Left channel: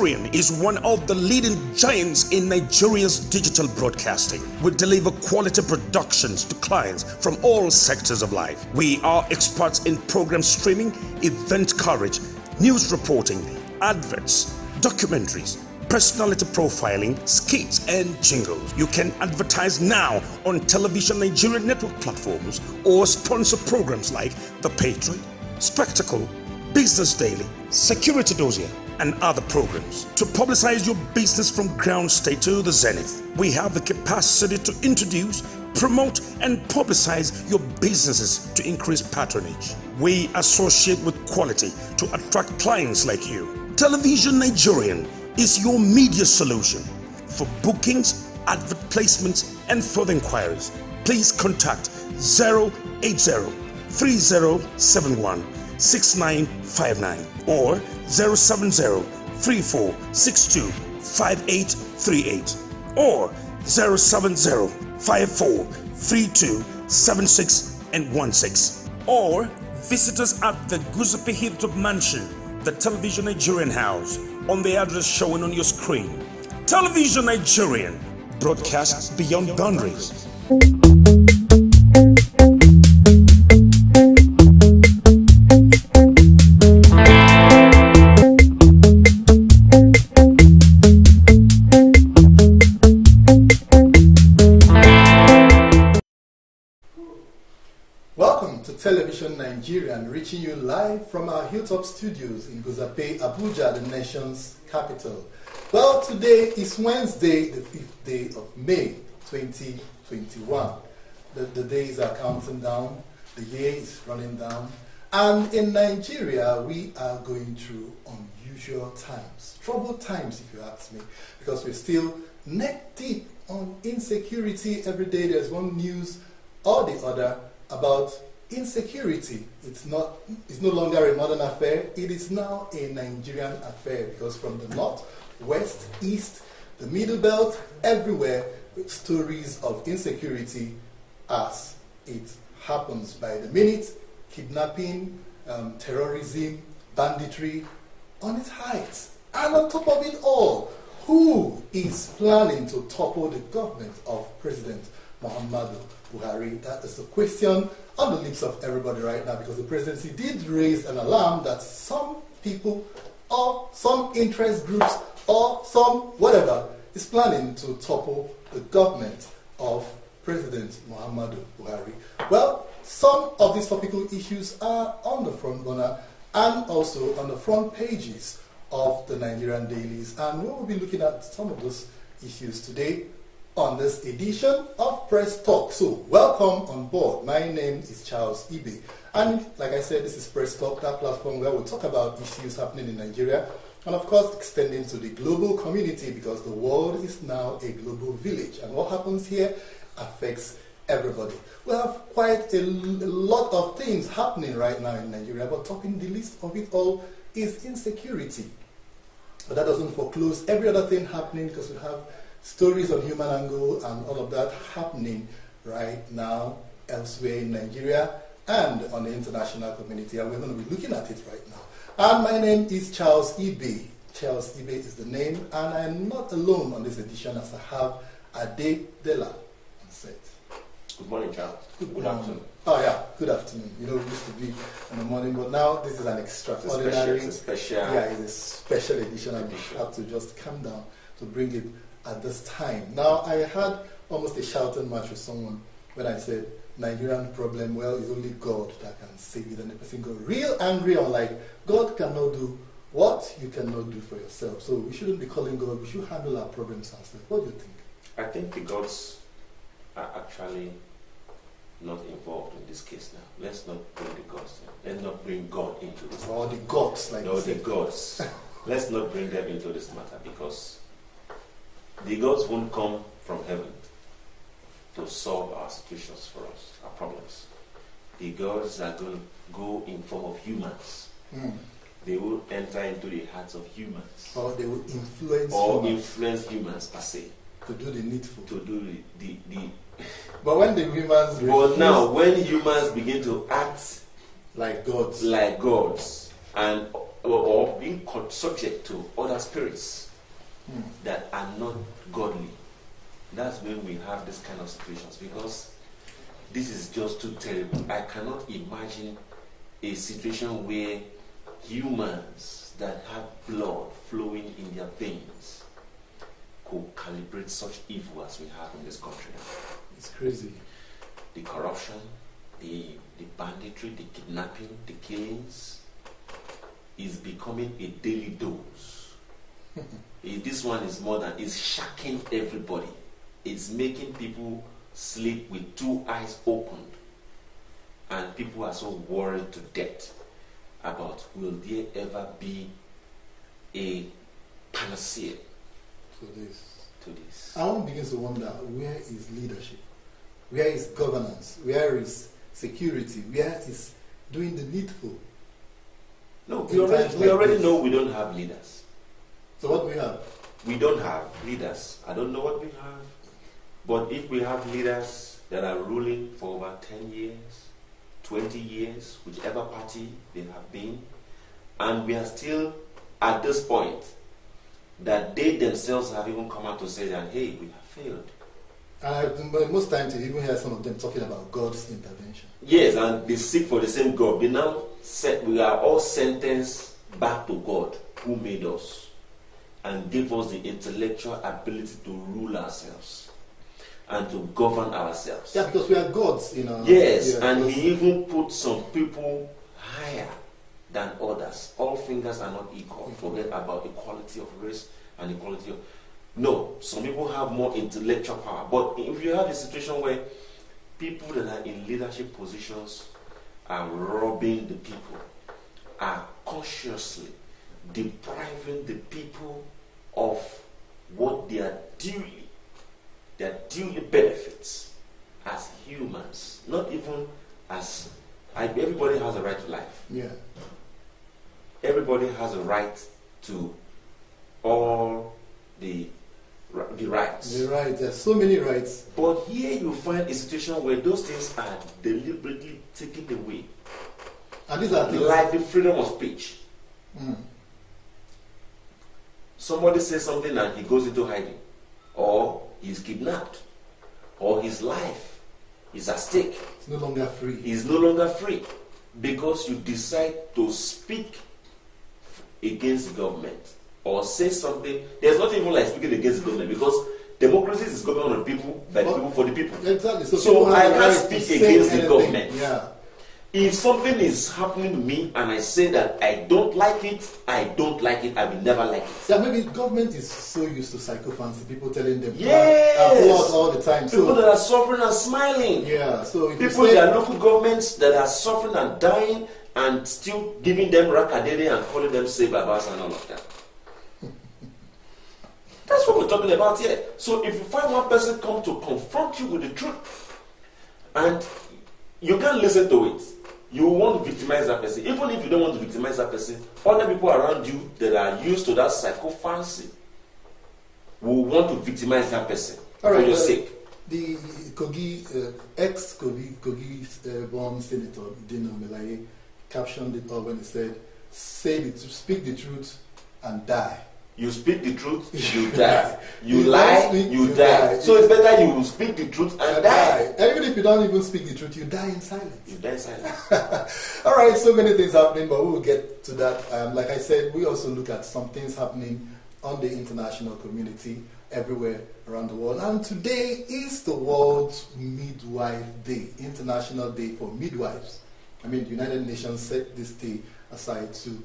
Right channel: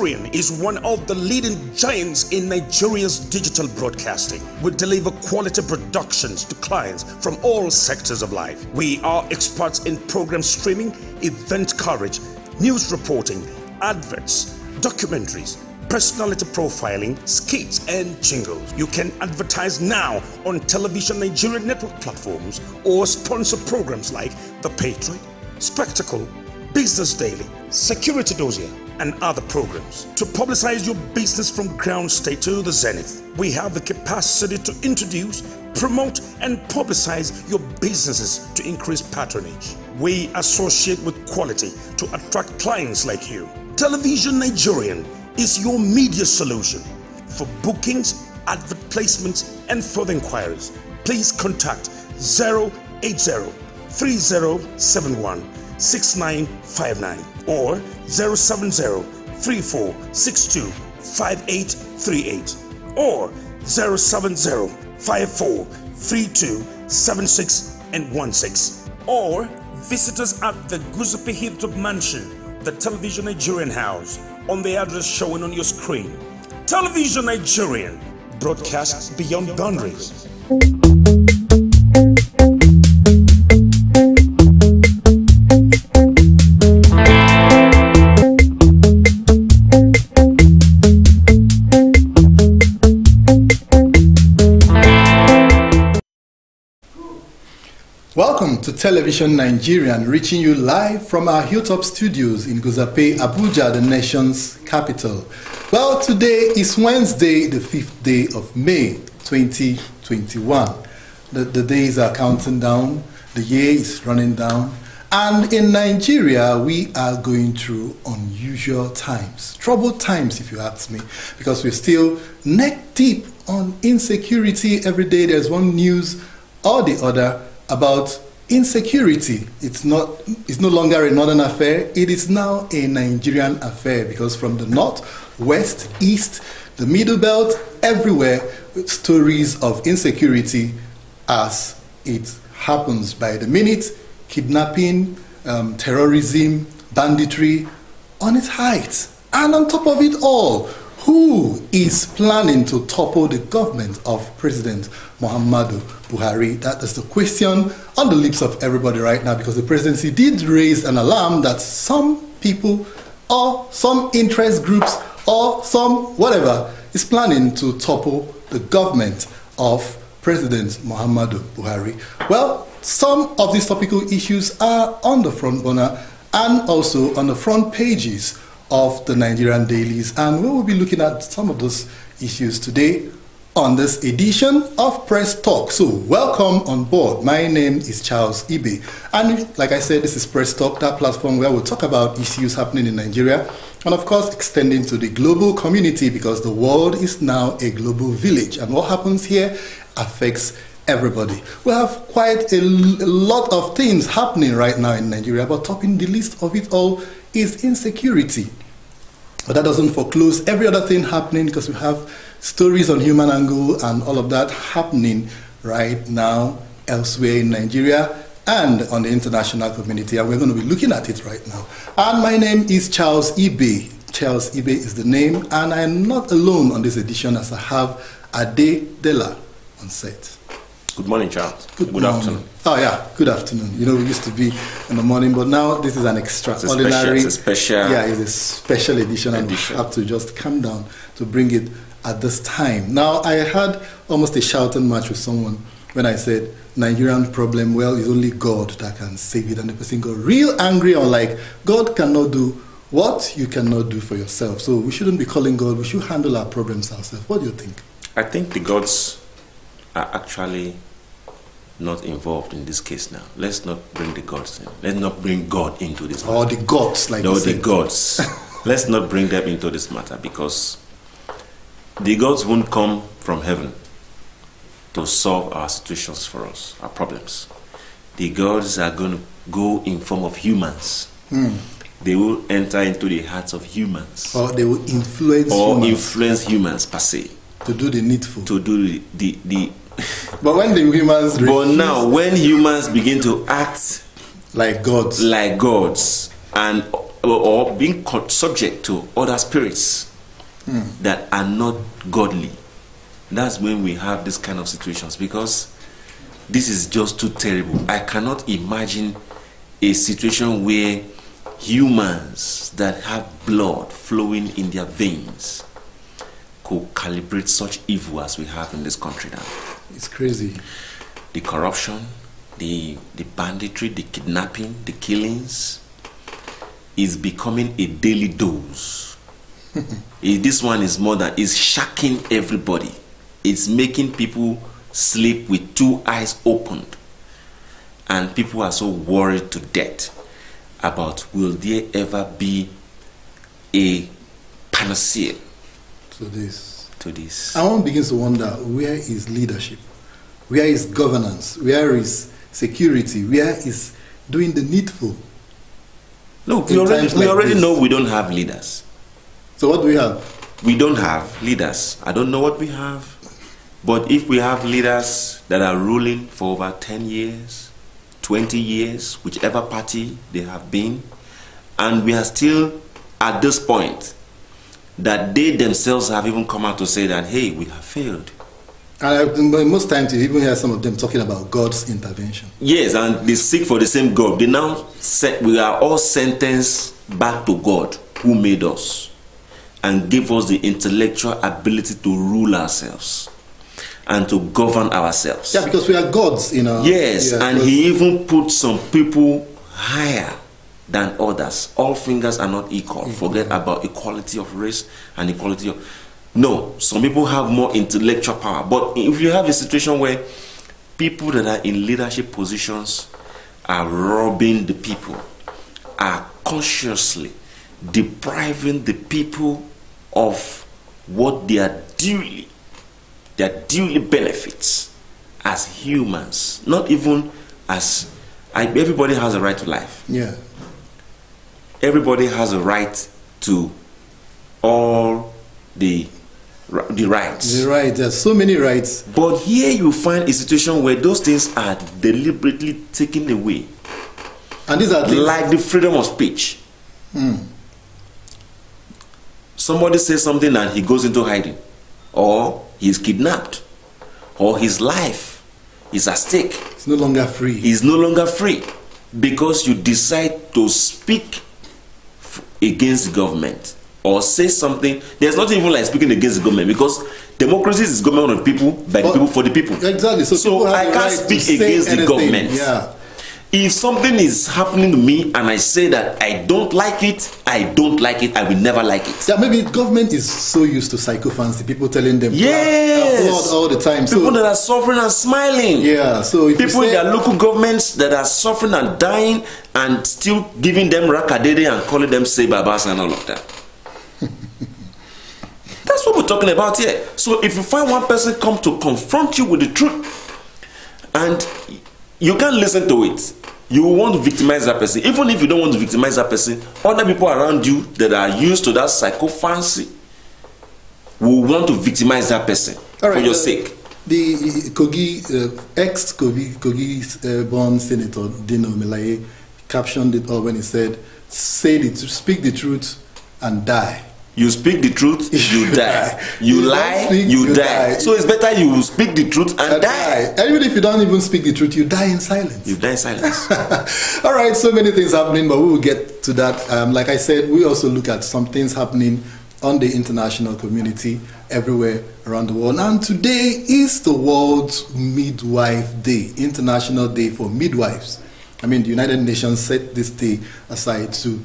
Nigerian is one of the leading giants in Nigeria's digital broadcasting. We deliver quality productions to clients from all sectors of life. We are experts in program streaming, event coverage, news reporting, adverts, documentaries, personality profiling, skits, and jingles. You can advertise now on television Nigerian network platforms or sponsor programs like The Patriot, Spectacle, Business Daily, Security Dossier, and other programs. To publicize your business from ground state to the zenith, we have the capacity to introduce, promote, and publicize your businesses to increase patronage. We associate with quality to attract clients like you. Television Nigerian is your media solution. For bookings, advert placements, and further inquiries, please contact 080-3071-6959 or 070-3462-5838 or 070-5432-7616 or visit us at the Guzapi Hilltop Mansion, the Television Nigerian House, on the address showing on your screen. Television Nigerian, broadcasts beyond boundaries. Welcome to Television Nigerian, reaching you live from our Hilltop studios in Guzape, Abuja, the nation's capital. Well, today is Wednesday, the 5th day of May, 2021. The days are counting down, the year is running down, and in Nigeria, we are going through unusual times, troubled times if you ask me, because we're still neck deep on insecurity. Every day there's one news or the other about insecurity. It's no longer a northern affair, it is now a Nigerian affair, because from the north, west, east, the middle belt, everywhere, stories of insecurity as it happens by the minute. Kidnapping, terrorism, banditry on its height. And on top of it all, who is planning to topple the government of President Muhammadu Buhari? That is the question on the lips of everybody right now, because the presidency did raise an alarm that some people or some interest groups or some whatever is planning to topple the government of President Muhammadu Buhari. Well, some of these topical issues are on the front burner and also on the front pages of the Nigerian dailies, and we will be looking at some of those issues today on this edition of Press Talk. So welcome on board. My name is Charles Ibe, and like I said, this is Press Talk, that platform where we'll talk about issues happening in Nigeria and of course extending to the global community, because the world is now a global village and what happens here affects everybody. We have quite a lot of things happening right now in Nigeria, but topping the list of it all is insecurity. But that doesn't foreclose every other thing happening, because we have stories on human angle and all of that happening right now elsewhere in Nigeria and on the international community, and we're going to be looking at it right now. And my name is Charles Ibe. Charles Ibe is the name, and I am not alone on this edition, as I have Ade Dela on set. Good morning, Charles. Good afternoon. Oh yeah, good afternoon. You know, we used to be in the morning, but now this is an extraordinary. It's a special. Yeah, it's a special edition, and we have to just calm down to bring it at this time. Now, I had almost a shouting match with someone when I said Nigerian problem, well, it's only God that can save it, and the person got real angry. I'm like, God cannot do what you cannot do for yourself. So we shouldn't be calling God. We should handle our problems ourselves. What do you think? I think the gods are actually not involved in this case now. Let's not bring the gods in. Let's not bring God into this matter. Or the gods, like no, you the said. gods. Let's not bring them into this matter, because the gods won't come from heaven to solve our situations for us, our problems. The gods are going to go in form of humans. They will enter into the hearts of humans. Or they will influence influence humans per se. To do the needful. To do the But when the humans... But now, when humans begin to act like gods, and or being subject to other spirits that are not godly. That's when we have this kind of situations, because this is just too terrible. I cannot imagine a situation where humans that have blood flowing in their veins could calibrate such evil as we have in this country now. It's crazy. The corruption, the banditry, the kidnapping, the killings is becoming a daily dose. This one is more than, is shocking everybody. It's making people sleep with two eyes opened. And people are so worried to death about, will there ever be a panacea to this? And one begins to wonder, where is leadership? Where is governance? Where is security? Where is doing the needful? No, we already know we don't have leaders. So what do we have? We don't have leaders. I don't know what we have. But if we have leaders that are ruling for over 10 years, 20 years, whichever party they have been, and we are still at this point that they themselves have even come out to say that, hey, we have failed. And most times you even hear some of them talking about God's intervention. Yes, and they seek for the same God. They now say we are all sentenced back to God who made us and gave us the intellectual ability to rule ourselves and to govern ourselves. Yeah, because we are gods, you know. Yes, yeah, and he even put some people higher than others. All fingers are not equal. Forget about equality of race and equality of... No, some people have more intellectual power. But if you have a situation where people that are in leadership positions are robbing the people, are consciously depriving the people of what their duly benefits as humans, not even as... everybody has a right to life. Yeah. Everybody has a right to all the rights. The right, there's so many rights. But here you find a situation where those things are deliberately taken away. And these are things like the freedom of speech. Somebody says something and he goes into hiding, or he's kidnapped, or his life is at stake. It's no longer free. He's no longer free because you decide to speak against the government or say something. There's not even like speaking against the government, because democracy is government of the people, by the people, for the people. Exactly. So I can't speak against the government. Yeah. If something is happening to me and I say that I don't like it, I don't like it, I will never like it. Yeah, maybe government is so used to psychophancy, people telling them yes, all the time. People that are suffering and smiling. Yeah, so if people in their local governments that are suffering and dying and still giving them rakadede and calling them say babas and all of that. That's what we're talking about here. So if you find one person come to confront you with the truth and you can't listen to it, you want to victimize that person. Even if you don't want to victimize that person, other people around you that are used to that psychophancy will want to victimize that person for your sake. The Kogi, ex-Kogi born Senator Dino Melaye captioned it all when he said, speak the truth and die. You speak the truth, you die. You lie, you die. So it's better you speak the truth and die. And even if you don't even speak the truth, you die in silence. You die in silence. All right, so many things happening, but we will get to that. Like I said, we also look at some things happening on the international community everywhere around the world. And today is the World Midwife Day, International Day for Midwives. I mean, the United Nations set this day aside to,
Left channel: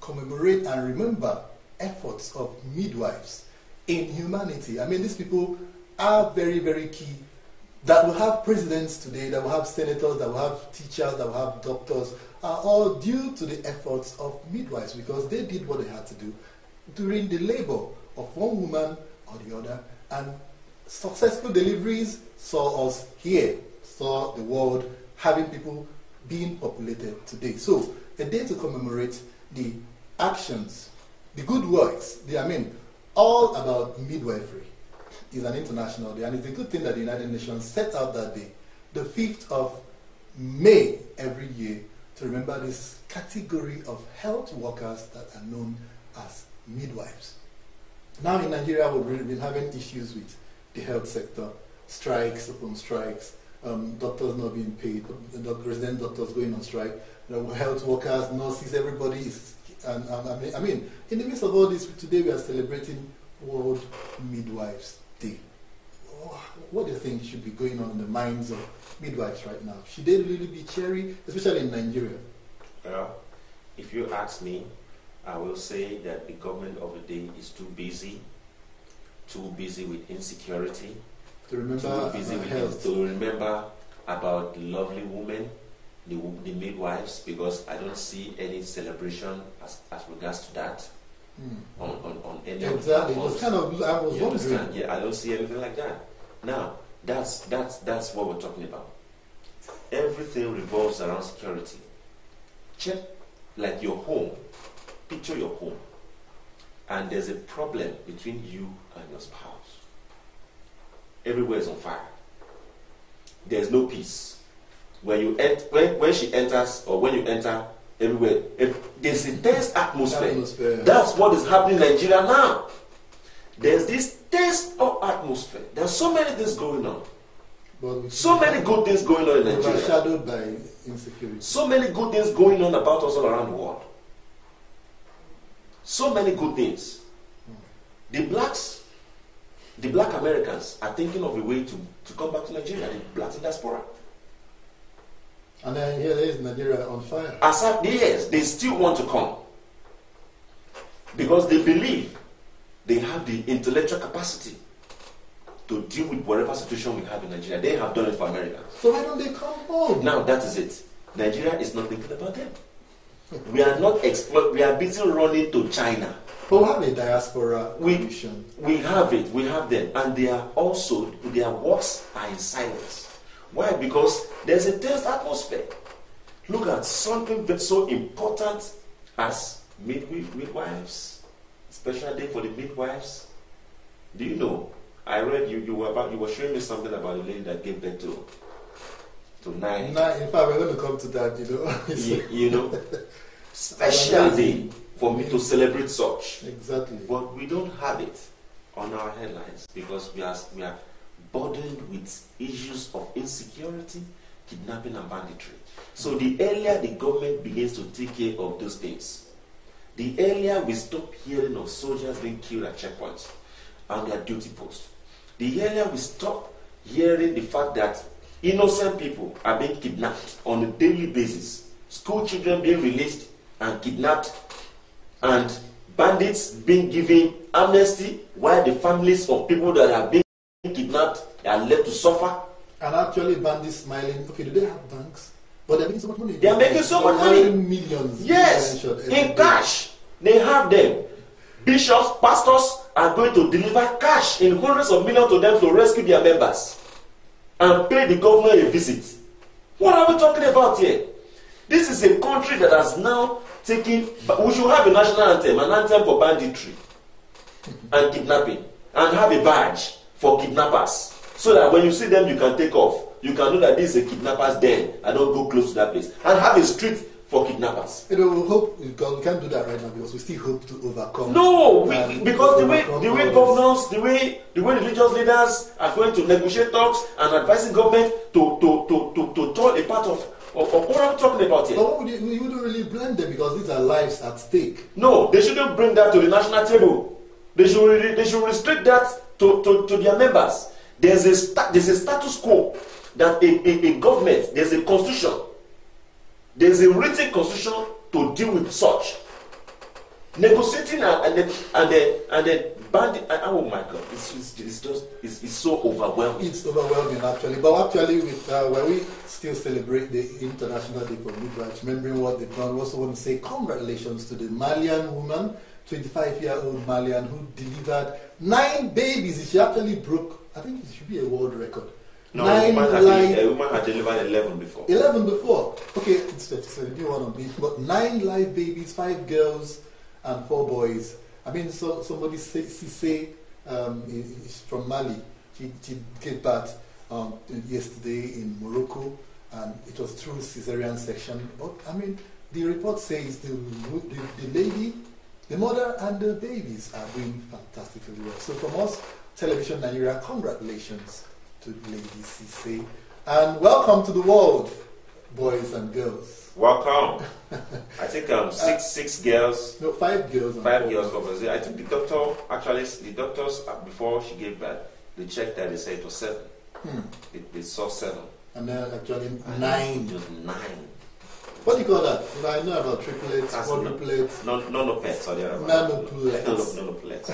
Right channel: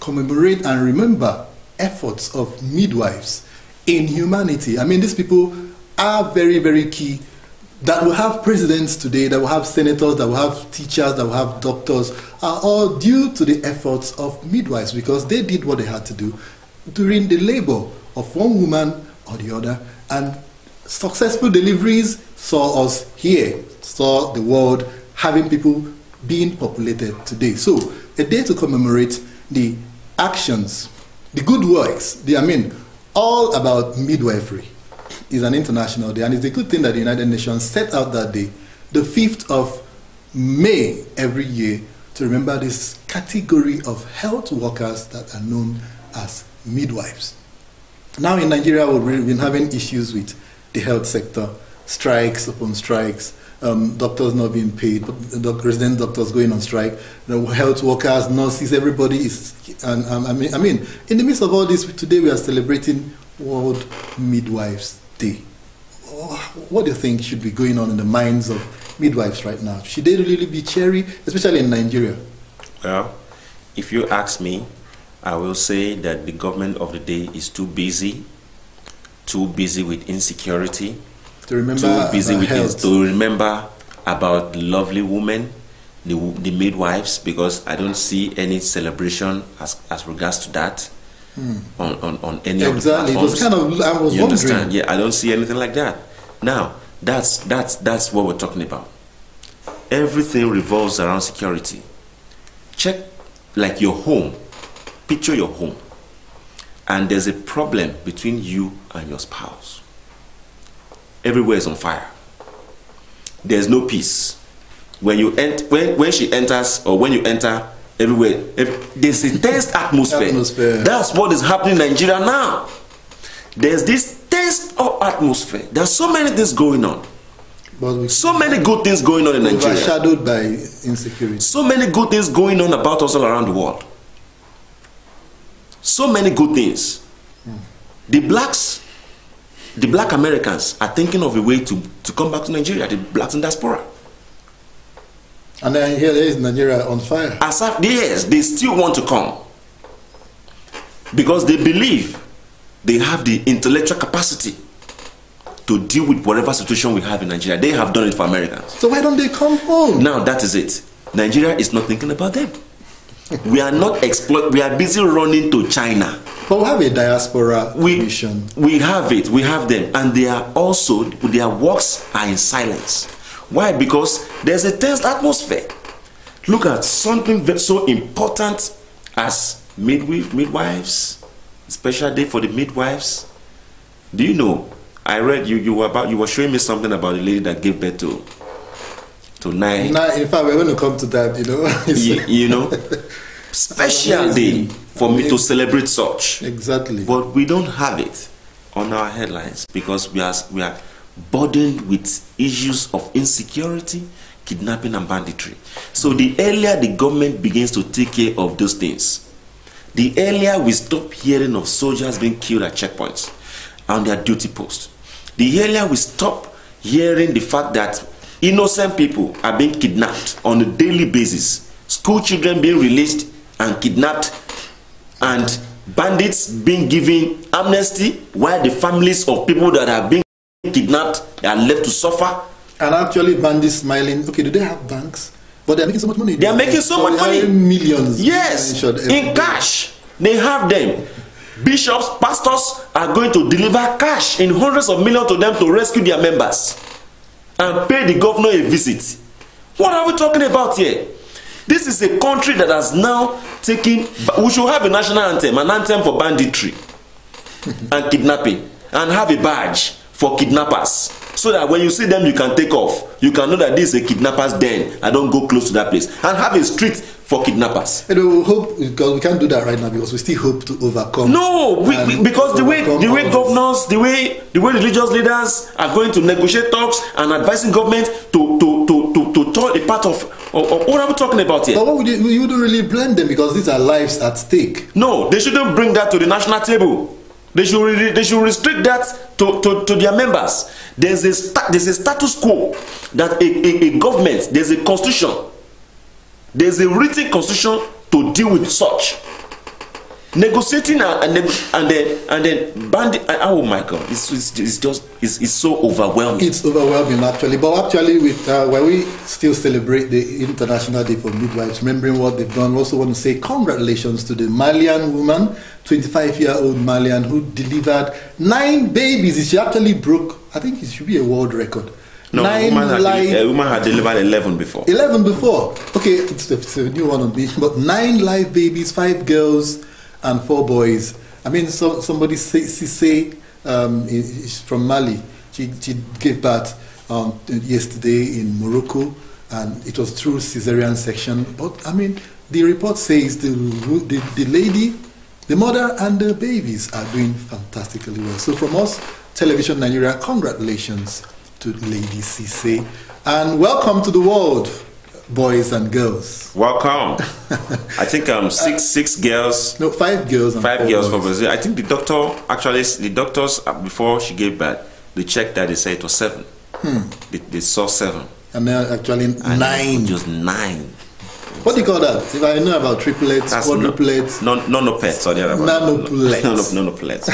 commemorate and remember efforts of midwives in humanity. I mean, these people are very, very key. That will have presidents today, that will have senators, that will have teachers, that will have doctors, are all due to the efforts of midwives, because they did what they had to do during the labor of one woman or the other, and successful deliveries saw us here, saw the world having people being populated today. So a day to commemorate the actions, the good works, all about midwifery is an international day, and it's a good thing that the United Nations set out that day, the 5th of May every year, to remember this category of health workers that are known as midwives. Now in Nigeria, we've been having issues with the health sector, strikes upon strikes, doctors not being paid, resident doctors going on strike, health workers, nurses, everybody is, and I mean, in the midst of all this, today we are celebrating World Midwives Day. What do you think should be going on in the minds of midwives right now? Should they really be cheery, especially in Nigeria? Well, if you ask me, I will say that the government of the day is too busy with insecurity, to remember to remember about lovely women, the midwives, because I don't see any celebration as regards to that on any of the platforms. It was kind of, I was you wondering. Understand? Yeah, I don't see anything like that. Now, that's what we're talking about. Everything revolves around security. Check like your home. Picture your home. And there's a problem between you and your spouse. Everywhere is on fire. There's no peace. When she enters, or when you enter, everywhere, there's a tense atmosphere. That's what is happening in Nigeria now. There's this tense atmosphere. There's so many things going on. So many good things going on in Nigeria. Overshadowed by insecurity. So many good things going on about us all around the world. So many good things. The black Americans are thinking of a way to come back to Nigeria, the blacks in diaspora. And then here there is Nigeria on fire. Yes, they still want to come. Because they believe they have the intellectual capacity to deal with whatever situation we have in Nigeria. They have done it for Americans. So why don't they come home? Now that is it. Nigeria is not thinking about them. We are not we are busy running to China. But we have a diaspora mission. We have it. We have them. And they are also, their works are in silence. Why? Because there's a tense atmosphere. Look at something so important as midwives, special day for the midwives. Do you know? I read you were showing me something about a lady that gave birth to 9. In fact, we're going to come to that. You know, special day for me to celebrate such. Exactly. But we don't have it on our headlines because we are burdened with issues of insecurity, kidnapping and banditry. So the earlier the government begins to take care of those things, the earlier we stop hearing of soldiers being killed at checkpoints on their duty post. The earlier we stop hearing the fact that innocent people are being kidnapped on a daily basis, school children being released and kidnapped, and bandits being given amnesty while the families of people that are being kidnapped are left to suffer. And actually bandits smiling. Okay, do they have banks? But they're making so much money. They are making so much money. Millions. Yes, in cash. They have them. Bishops, pastors are going to deliver cash in hundreds of millions to them to rescue their members and pay the governor a visit. What are we talking about here? This is a country that has now taken. We should have a national anthem, an anthem for banditry and kidnapping, and have a badge for kidnappers, so that when you see them, you can take off. You can know that this is a kidnapper's den. I don't go close to that place. And have a street for kidnappers. We hope, because we can't do that right now, because we still hope to overcome. No, because the way governors, the way religious leaders are going to negotiate talks and advising government to turn a part of what are we talking about here? But what you wouldn't really blame them, because these are lives at stake. No, they shouldn't bring that to the national table. They should restrict that to their members. There's a status quo that a government, there's a constitution, there's a written constitution to deal with such. Negotiating and then bandit. Oh my God, it's so overwhelming. It's overwhelming actually. But actually, with when we still celebrate the International Day for Midwives, remembering what they've done, we also want to say congratulations to the Malian woman, 25-year-old Malian, who delivered 9 babies. She actually broke, I think it should be a world record. No, a woman had delivered 11 before. 11 before. Okay, it's a new one on me. But 9 live babies, 5 girls and 4 boys. I mean, somebody say from Mali. She gave birth yesterday in Morocco, and it was through cesarean section. But I mean, the report says the lady, the mother, and the babies are doing fantastically well. So from us, Television Nigeria, congratulations to Lady Cisse, and welcome to the world, boys and girls. Welcome. I think six girls. No, 5 girls and 5 girls for boys. Brazil. I think the doctors before she gave birth, they checked that, they said it was 7. They saw 7. And now actually 9. Just 9. What do you call that? If I know about triplets, quadruplets, Nonopets or the other. Nanoplets.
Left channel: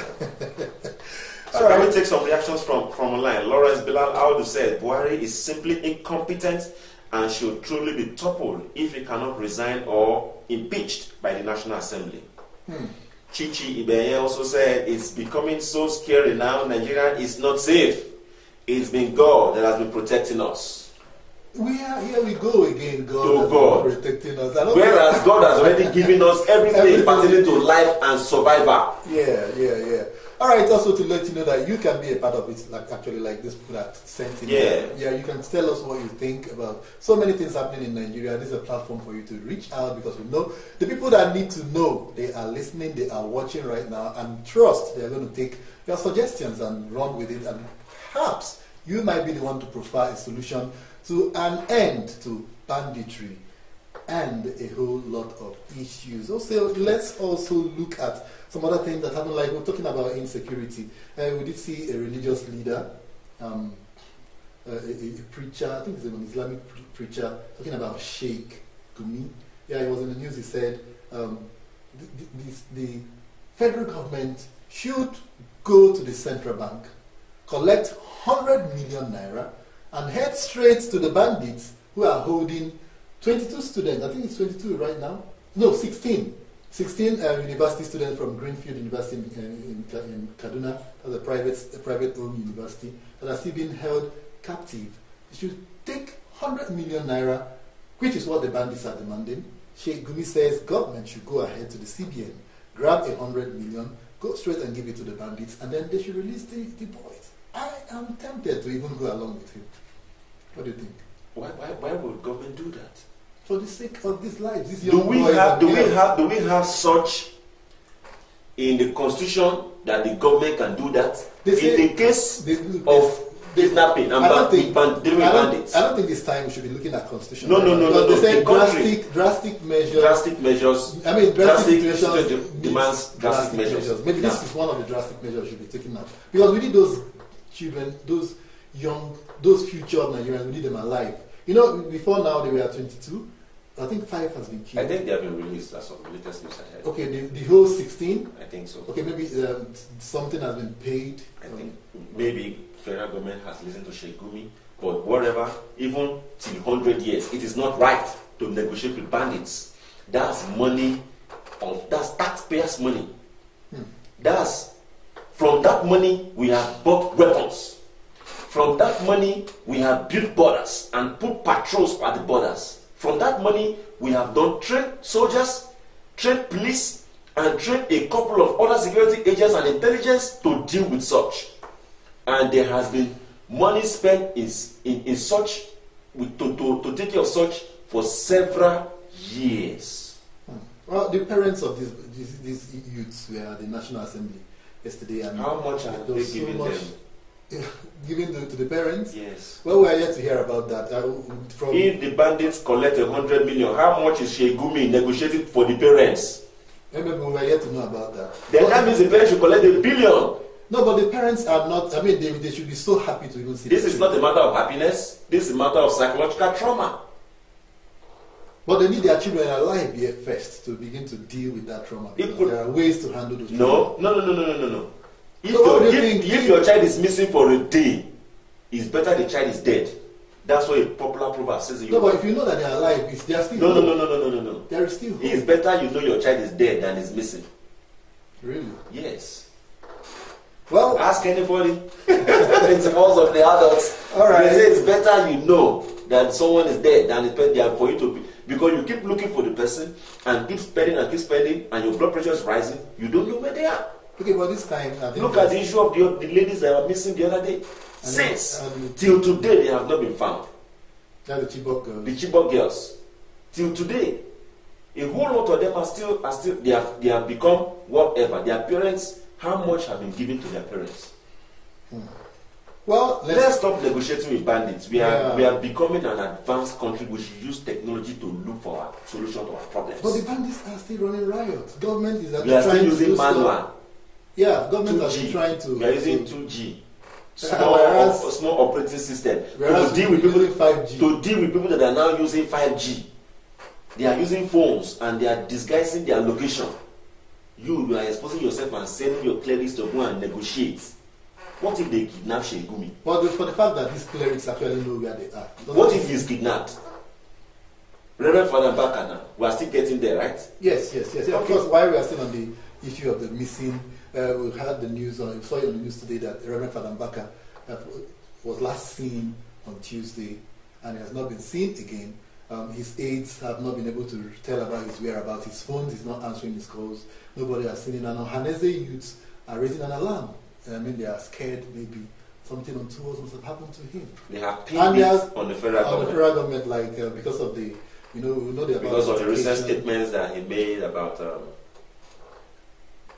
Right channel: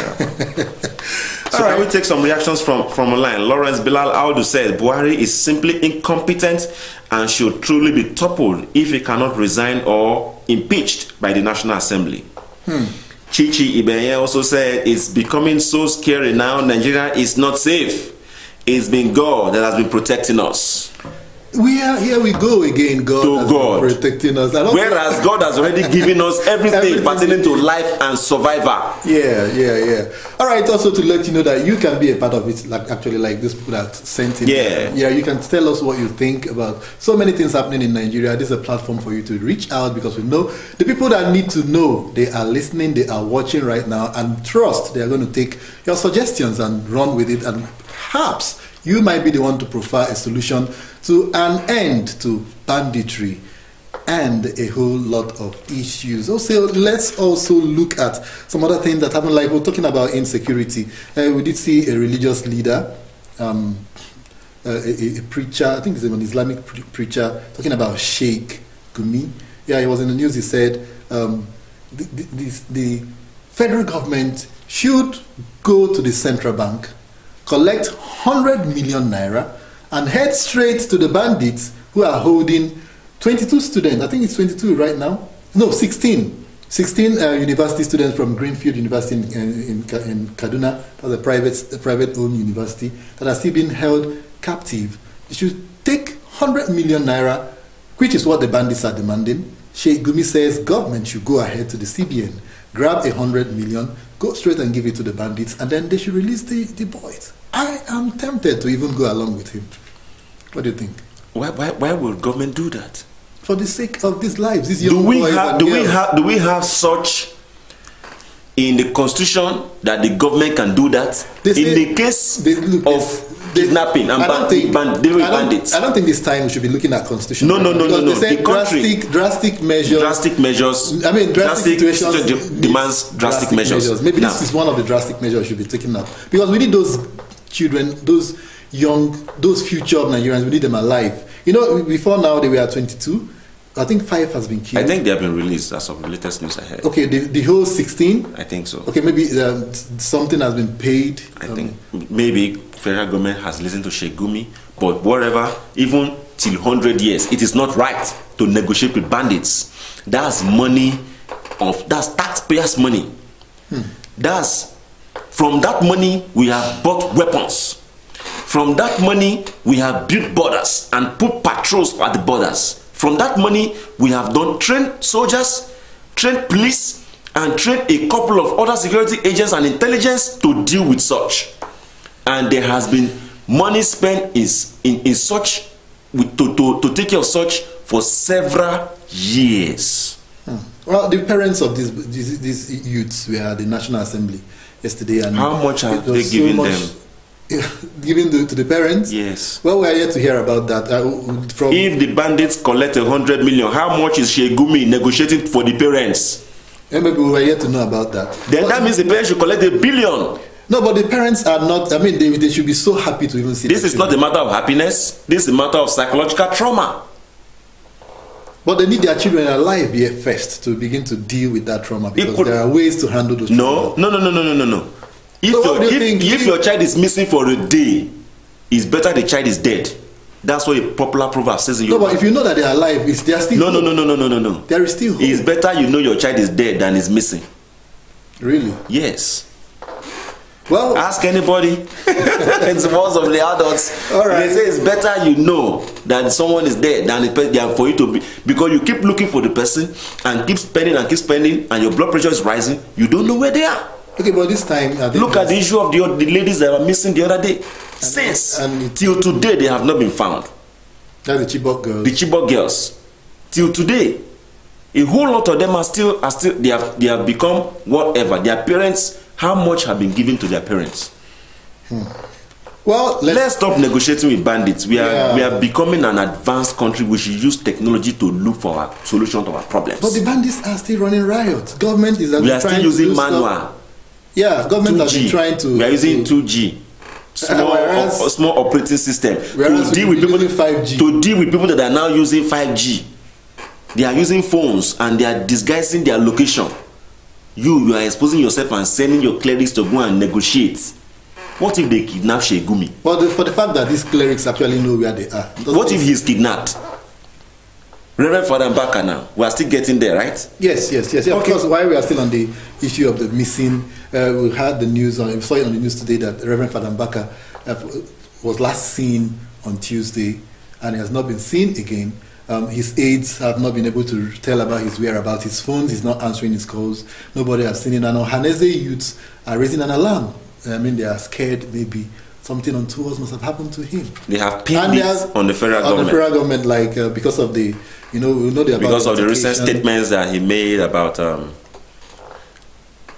So I will take some reactions from online. Lawrence Bilal Audu said Buhari is simply incompetent and should truly be toppled if he cannot resign or impeached by the National Assembly. Chichi Ibenye also said it's becoming so scary now. Nigeria is not safe. It's been God that has been protecting us. Here we go again. God has been protecting us. Whereas God has already given us everything pertaining to life and survival. Yeah. All right. Also to let you know that you can be a part of it. Like this people that sent it. Yeah. You can tell us what you think about so many things happening in Nigeria. This is a platform for you to reach out, because we know the people that need to know, they are listening, they are watching right now, and trust they are going to take your suggestions and run with it, and perhaps you might be the one to provide a solution to an end to banditry and a whole lot of issues. Also, let's also look at some other things that happen. Like we're talking about insecurity. We did see a religious leader, a preacher, I think it's an Islamic preacher, talking about Sheikh Gumi. Yeah, he was in the news. He said the federal government should go to the central bank, collect 100 million naira, and head straight to the bandits who are holding 22 students. I think it's 22 right now. No, 16. 16 university students from Greenfield University in Kaduna. That's a private-owned university that are still being held captive. They should take 100 million naira, which is what the bandits are demanding. Sheikh Gumi says government should go ahead to the CBN, grab 100 million, go straight and give it to the bandits, and then they should release the boys. I am tempted to even go along with him. What do you think? Why would government do that? For the sake of these lives, these do we have such in the constitution that the government can do that? In the case of kidnapping and bandits. I don't think this time we should be looking at constitution. No. They said The drastic measures. Drastic measures. I mean, drastic situations demands drastic measures. Maybe this is one of the drastic measures should be taken up, because we need those children, those young, those future Nigerians. We need them alive. You know, before now they were at 22. I think 5 has been killed. I think they have been released as of the latest news I heard. Okay, the whole 16? I think so. Okay, maybe something has been paid. I think maybe federal government has listened to Sheikh Gumi, but whatever, even till 100 years, it is not right to negotiate with bandits. That's that's taxpayers' money. From that money, we have bought weapons. From that money, we have built borders and put patrols at the borders. From that money, we have trained soldiers, trained police, and trained a couple of other security agents and intelligence to deal with such. And there has been money spent in such, to take care of such for several years. Well, the parents of these youths were at the National Assembly yesterday. And how much have they given them? Given to the parents? Yes. Well, we are yet to hear about that. If the bandits collect 100 million, how much is Sheikh Gumi negotiating for the parents? Maybe we were yet to know about that. Then that means the parents should collect $1 billion. No, but the parents are not. I mean, they should be so happy to even see. This is not a matter of happiness. This is a matter of psychological trauma. But they need their children alive here first to begin to deal with that trauma, because there are ways to handle those. No. If your child is missing for a day, it's better the child is dead. That's what a popular proverb says in your. No, but if you know that they are alive, they are still. No. There is still hope. It's better you know your child is dead than is missing. Really? Yes. Well, ask anybody. It's most of the adults. All right. They say it's better you know that someone is dead than for you to be, because you keep looking for the person and keep spending, and your blood pressure is rising. You don't know where they are. Okay, but this time look at the issue of the ladies that were missing the other day. Till today they have not been found. That's the Chibok girls. The Chibok girls. Till today, a whole lot of them are still they have become whatever. Their parents, how much have been given to their parents? Well, let's stop negotiating with bandits. We are becoming an advanced country. We should use technology to look for a solution to our problems. But the bandits are still running riots. Government is we are still using manual. Yeah, government 2G. has been trying to. We are using 2G. Small operating system to deal with people 5G. To deal with people that are now using 5G. They are using phones and they are disguising their location. You are exposing yourself and sending your clerics to go and negotiate. What if they kidnap Shegumi? Well, for the fact that these clerics actually know where they are. What if he's kidnapped? Reverend Father Mbaka now. We are still getting there, right? Yes. Okay. Of course, while we are still on the issue of the missing, we had the news, we saw it on the news today that Reverend Father Mbaka was last seen on Tuesday and he has not been seen again. His aides have not been able to tell about his whereabouts. His phone is not answering his calls. Nobody has seen him. And Ohanese youths are raising an alarm. I mean, they are scared maybe something untoward must have happened to him. They have pinned it on the federal government. On the federal government, like because of the, we know because of the recent statements that he made about,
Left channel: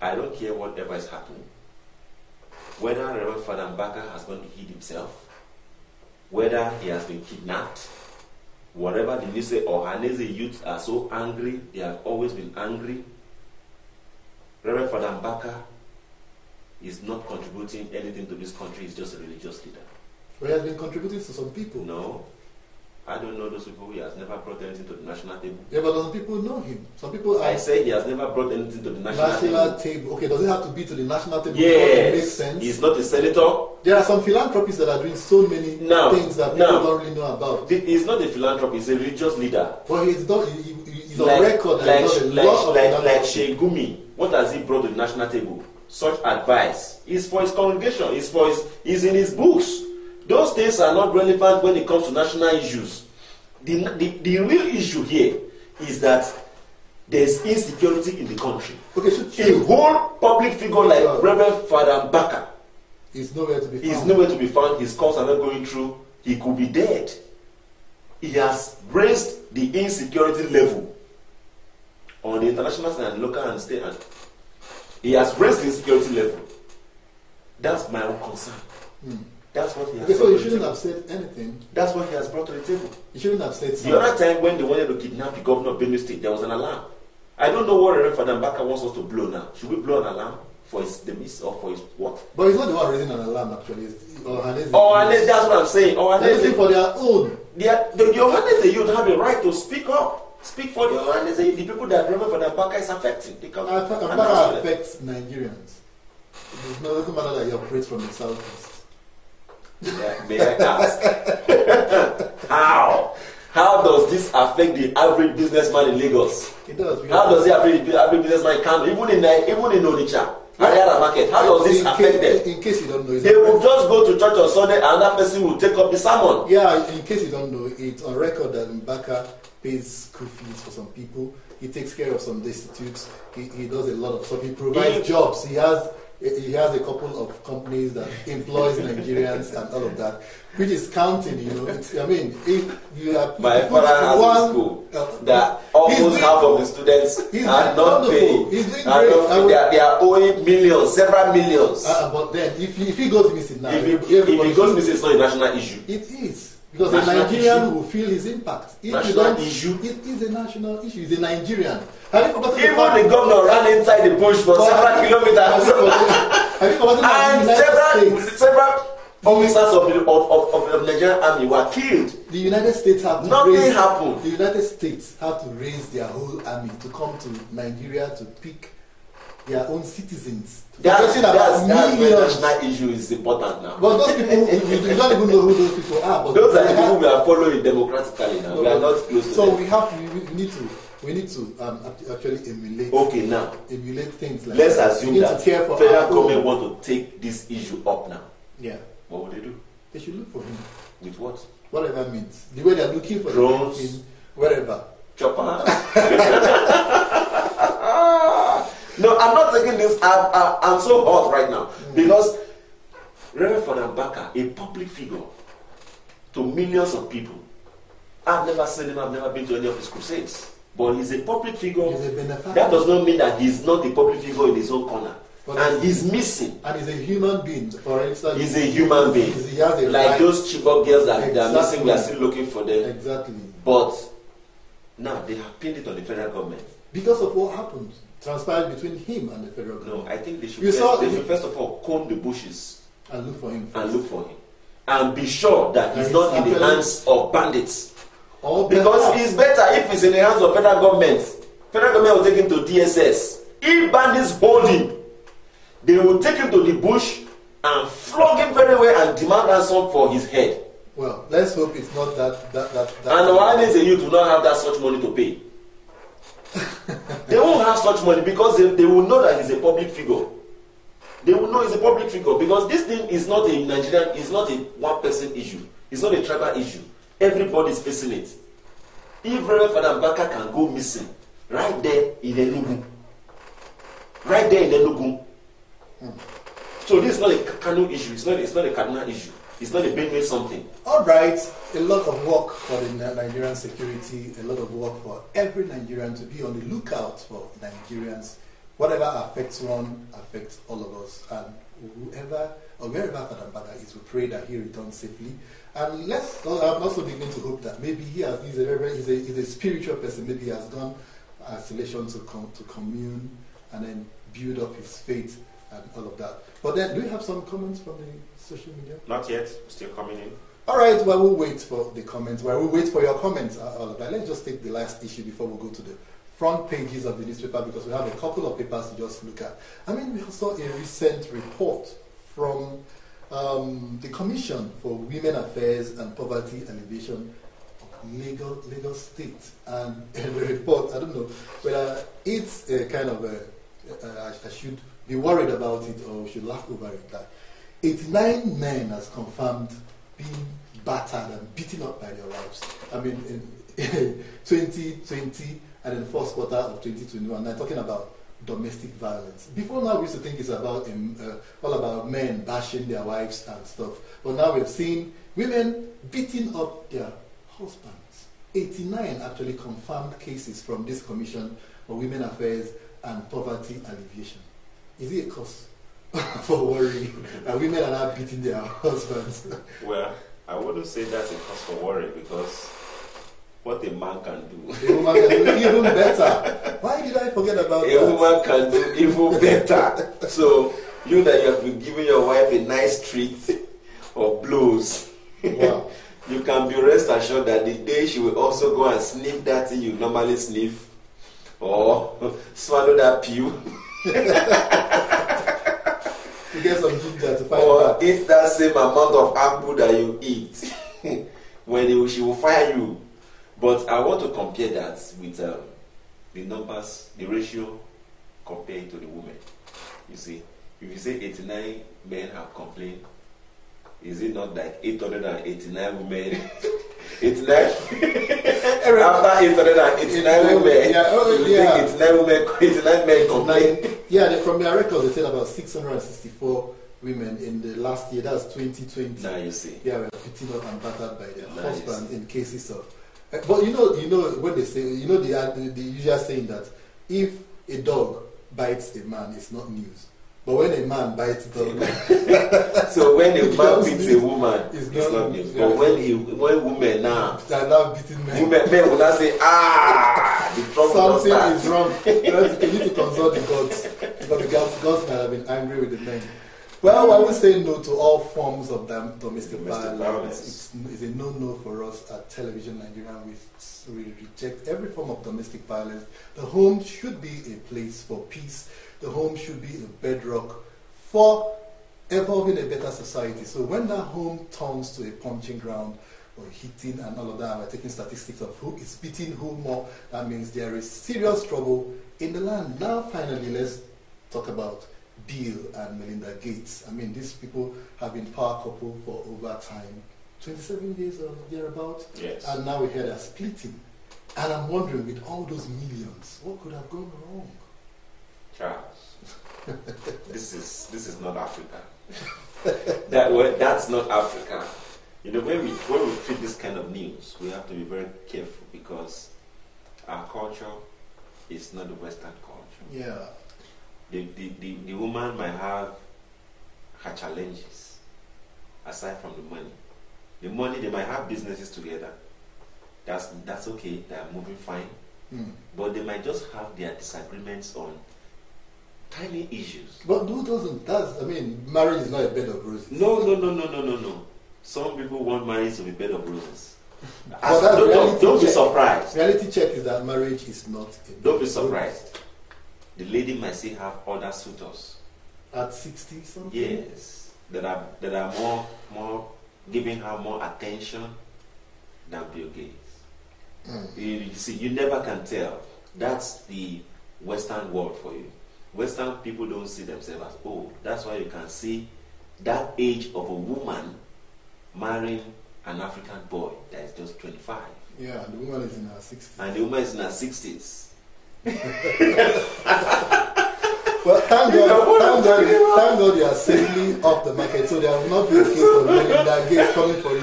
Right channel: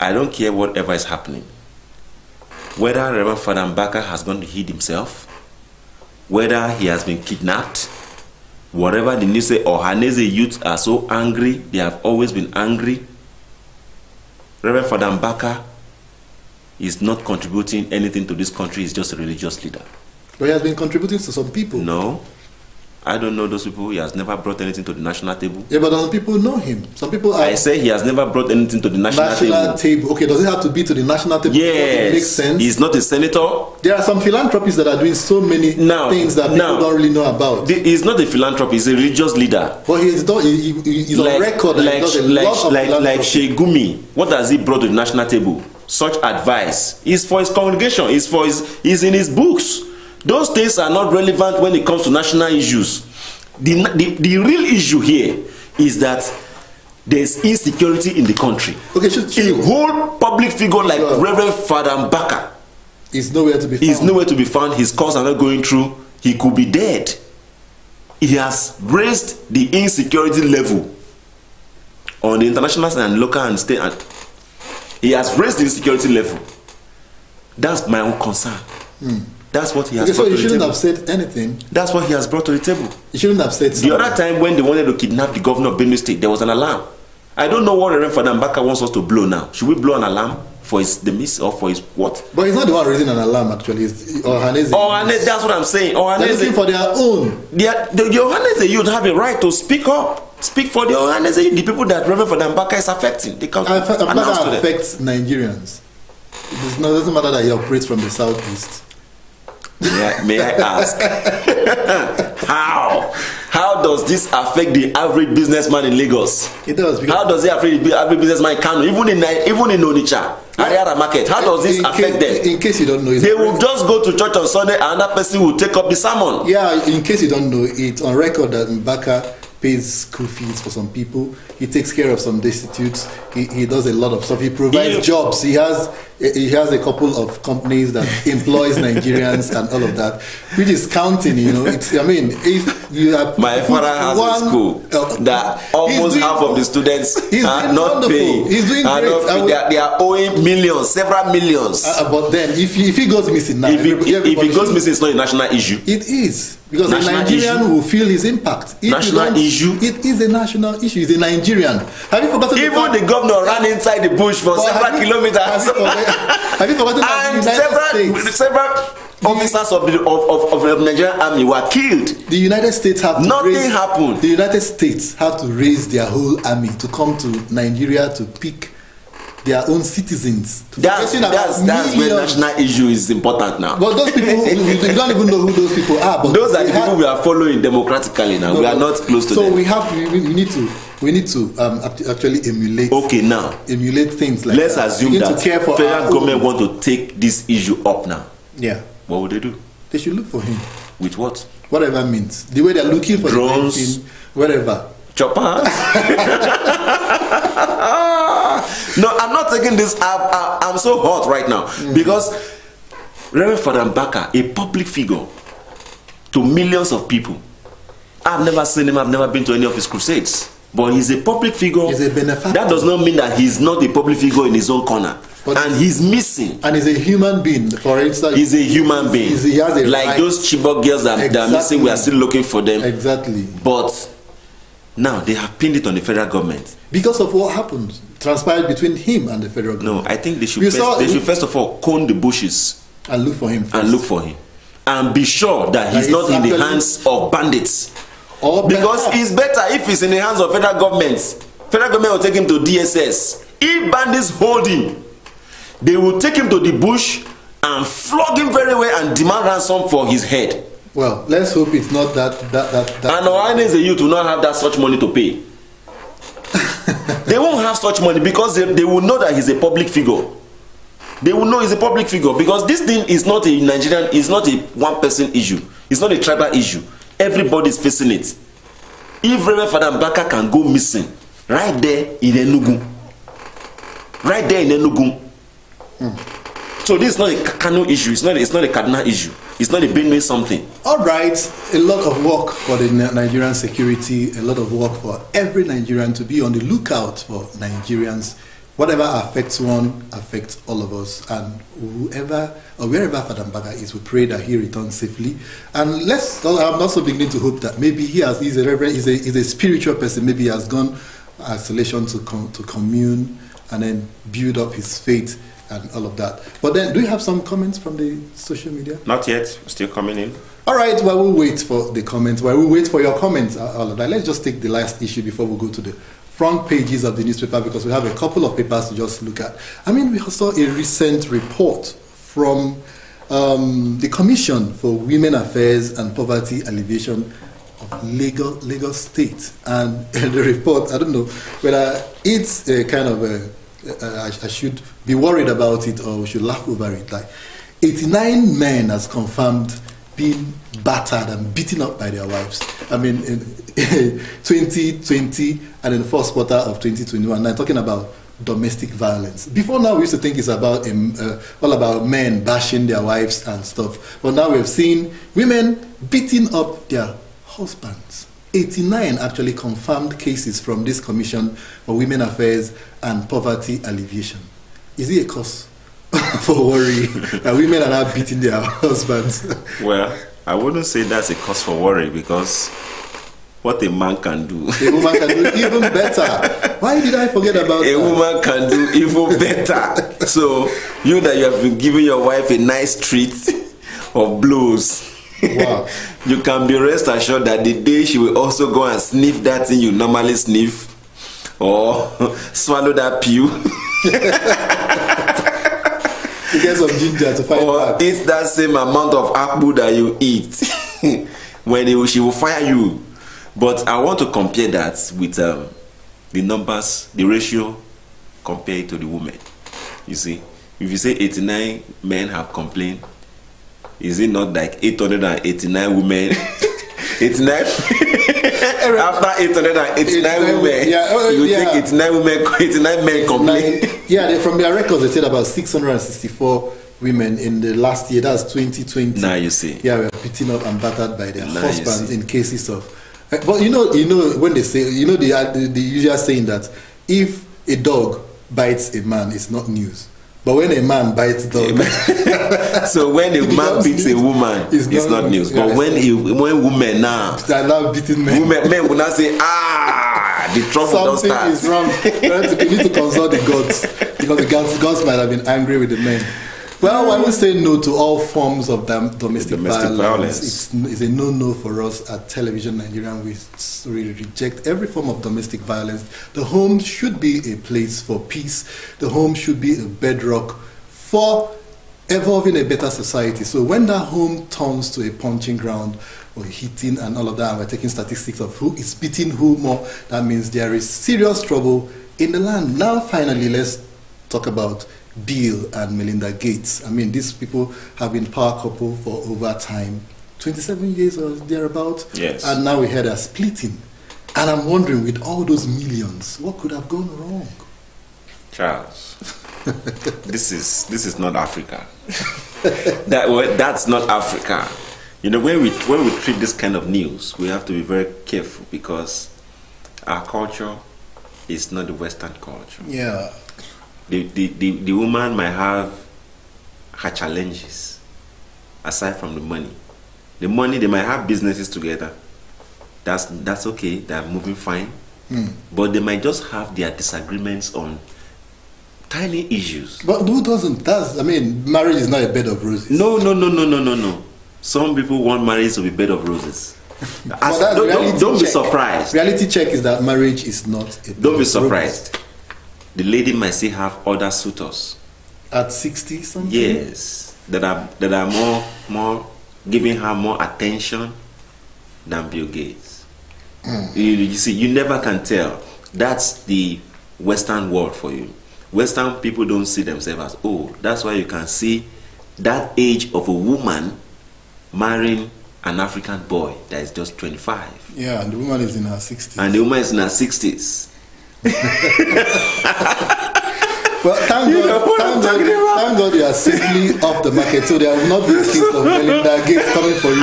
I don't care whatever is happening. Whether Reverend Father Mbaka has gone to hid himself, whether he has been kidnapped, whatever the news say, Ohanese youths are so angry, they have always been angry. Reverend Father Mbaka is not contributing anything to this country, he's just a religious leader. But he has been contributing to some people. No. I don't know those people. He has never brought anything to the national table. Yeah, but some people know him. Some people are... I say he has never brought anything to the national table. Okay, does it have to be to the national table? Yes. It makes sense. He's not a senator. There are some philanthropies that are doing so many things that people don't really know about. He's not a philanthropist, he's a religious leader. But he's on record. Like Shegumi, what has he brought to the national table? Such advice is for his congregation, is in his books. Those things are not relevant when it comes to national issues. The real issue here is that there's insecurity in the country. Okay, a whole public figure like Reverend Father Mbaka is nowhere to be found. Is nowhere to be found. His calls are not going through. He could be dead. He has raised the insecurity level on the international and local and state. And he has raised the insecurity level. That's my own concern. That's what he has brought to the table. So he shouldn't have said anything. That's what he has brought to the table. He shouldn't have said something. The other time when they wanted to kidnap the governor of Benue State, there was an alarm. I don't know what Reverend Father Mbaka wants us to blow now. Should we blow an alarm for his demise or for his what? But he's not the one raising an alarm actually. It's Ohanese. Ohanese, that's what I'm saying. They're looking for their own. The Ohanese youth have a right to speak up. Speak for the Ohanese, the people that Reverend Father Mbaka is affecting. They can Mbaka affects Nigerians. It doesn't matter that he operates from the southeast. May I ask, how does this affect the average businessman in Lagos? It does. How does it affect the average businessman in Kano, even in Onitsha, Ariara Market? How does this affect them? In case you don't know, they will just go to church on Sunday and another person will take up the sermon. Yeah, in case you don't know, it's on record that Mbaka pays school fees for some people. He takes care of some destitutes. He does a lot of stuff. He provides jobs. He has a couple of companies that employs Nigerians and all of that, which is counting. It's. I mean, if you have my father has a school that almost half of the students are not paying. He's doing great. They are owing millions, several millions. But then, if he goes missing now, if he goes missing, it's not a national issue. It is. Because a Nigerian will feel his impact. National issue? It is a national issue. He's a Nigerian. Have you forgotten even the governor ran inside the bush for several kilometers. Have you forgotten and several officers of the Nigerian army were killed. The United States had to Nothing happened. The United States had to raise their whole army to come to Nigeria to pick their own citizens. That's where national issue is important now. But those people, we don't even know who those people are. But those are the people we are following democratically now. We are not close to them. So we need to actually emulate. Okay, now emulate things like. Let's assume that federal government want to take this issue up now. Yeah. What would they do? They should look for him. With what? Whatever means. The way they're looking for drones, the whatever. Chopper. No, I'm not taking this. I'm so hot right now because Reverend Father Mbaka, a public figure to millions of people, I've never seen him. I've never been to any of his crusades. But he's a public figure. He's a benefactor. That does not mean that he's not a public figure in his own corner. But and he's missing. And he's a human being. For instance, he's a human being. He has a like right. Those Chibok girls that are missing, we are still looking for them. Exactly. But now they have pinned it on the federal government. Because of what happened, transpired between him and the federal government. No, I think they should first of all comb the bushes. And look for him. And be sure that he's not in the hands of bandits. Because it's better if he's in the hands of federal government. Federal government will take him to DSS. If bandits hold him, they will take him to the bush and flog him very well and demand ransom for his head. Well, let's hope it's not that. And why is the youth will not have that such money to pay? They won't have such money because they will know that he's a public figure. They will know he's a public figure because this thing is not a Nigerian, it's not a one-person issue. It's not a tribal issue. Everybody's facing it. If Reverend Father Mbaka can go missing right there in Enugu, So this is not a Kano issue. It's not a Kaduna issue. It's not a Benue something. All right, a lot of work for the Nigerian security, a lot of work for every Nigerian to be on the lookout for Nigerians. Whatever affects one affects all of us, and whoever or wherever Father Mbaka is, we pray that he returns safely. And I'm also beginning to hope that maybe he's a spiritual person. Maybe he has gone isolation to commune and then build up his faith and all of that. But then, do you have some comments from the social media? Not yet. Still coming in. All right. While we wait for the comments, while we wait for your comments, all of that, let's just take the last issue before we go to the front pages of the newspaper, because we have a couple of papers to just look at. I mean, we saw a recent report from the Commission for Women Affairs and Poverty Alleviation of Lagos State. And the report, I don't know whether it's a kind of I should be worried about it or we should laugh over it. Like 89 men has confirmed being battered and beaten up by their wives. I mean, in 2020 and in the first quarter of 2021. I'm talking about domestic violence. Before now, we used to think it's about all about men bashing their wives and stuff. But now we've seen women beating up their husbands. 89 actually confirmed cases from this Commission for Women Affairs and Poverty Alleviation. Is it a cause for worry that women are now beating their husbands? Well, I wouldn't say that's a cause for worry, because what a man can do, a woman can do even better. Why did I forget about that? A woman can do even better. So you have been giving your wife a nice treat of blows. Wow. You can be rest assured that the day she will also go and sniff that thing you normally sniff, or swallow that pew, you get some ginger to fight or back. eat that same amount of apple that you eat, when she will fire you. But I want to compare that with the numbers, the ratio compared to the women. You see, if you say 89 men have complained, is it not like 889 women? 89 after 889 women, you think 89 women, 89 men complain? Yeah, from their records, they said about 664 women in the last year. That's 2020. Now you see. Yeah, we're beaten up and battered by their husbands in cases of. But you know when they say, the usual saying that if a dog bites a man, it's not news. But when a man bites a dog, so when a man beats a woman, it's not news. But when women now, they are now beating men. Men will not say, the trouble don't start. Something is wrong. We need to consult the gods, because the gods might have been angry with the men. Well, I would say no to all forms of domestic violence. It's a no-no for us at Television Nigerian. We really reject every form of domestic violence. The home should be a place for peace. The home should be a bedrock for evolving a better society. So when that home turns to a punching ground or hitting and all of that, we're taking statistics of who is beating who more, that means there is serious trouble in the land. Now, finally, let's talk about Bill and Melinda Gates. I mean, these people have been power couple for over time, 27 years or thereabout. Yes. And now we hear they're splitting. And I'm wondering, with all those millions, what could have gone wrong? Charles, this is not Africa. That's not Africa. You know, when we treat this kind of news, we have to be very careful because our culture is not the Western culture. Yeah. The woman might have her challenges aside from the money. The money, they might have businesses together. That's okay. They're moving fine. But they might just have their disagreements on tiny issues. But who doesn't? I mean, marriage is not a bed of roses. No. Some people want marriage to be bed of roses. Don't be surprised. Reality check is that marriage is not a bed Don't be of surprised. roses. The lady might still have other suitors. At 60 something? Yes. That are more giving her more attention than Bill Gates. You see, you never can tell. That's the Western world for you. Western people don't see themselves as old. That's why you can see that age of a woman marrying an African boy that is just 25. Yeah, and the woman is in her 60s. And the woman is in her 60s. Well, thank God you are safely off the market, so there will not be a case of Melinda Gates coming for you.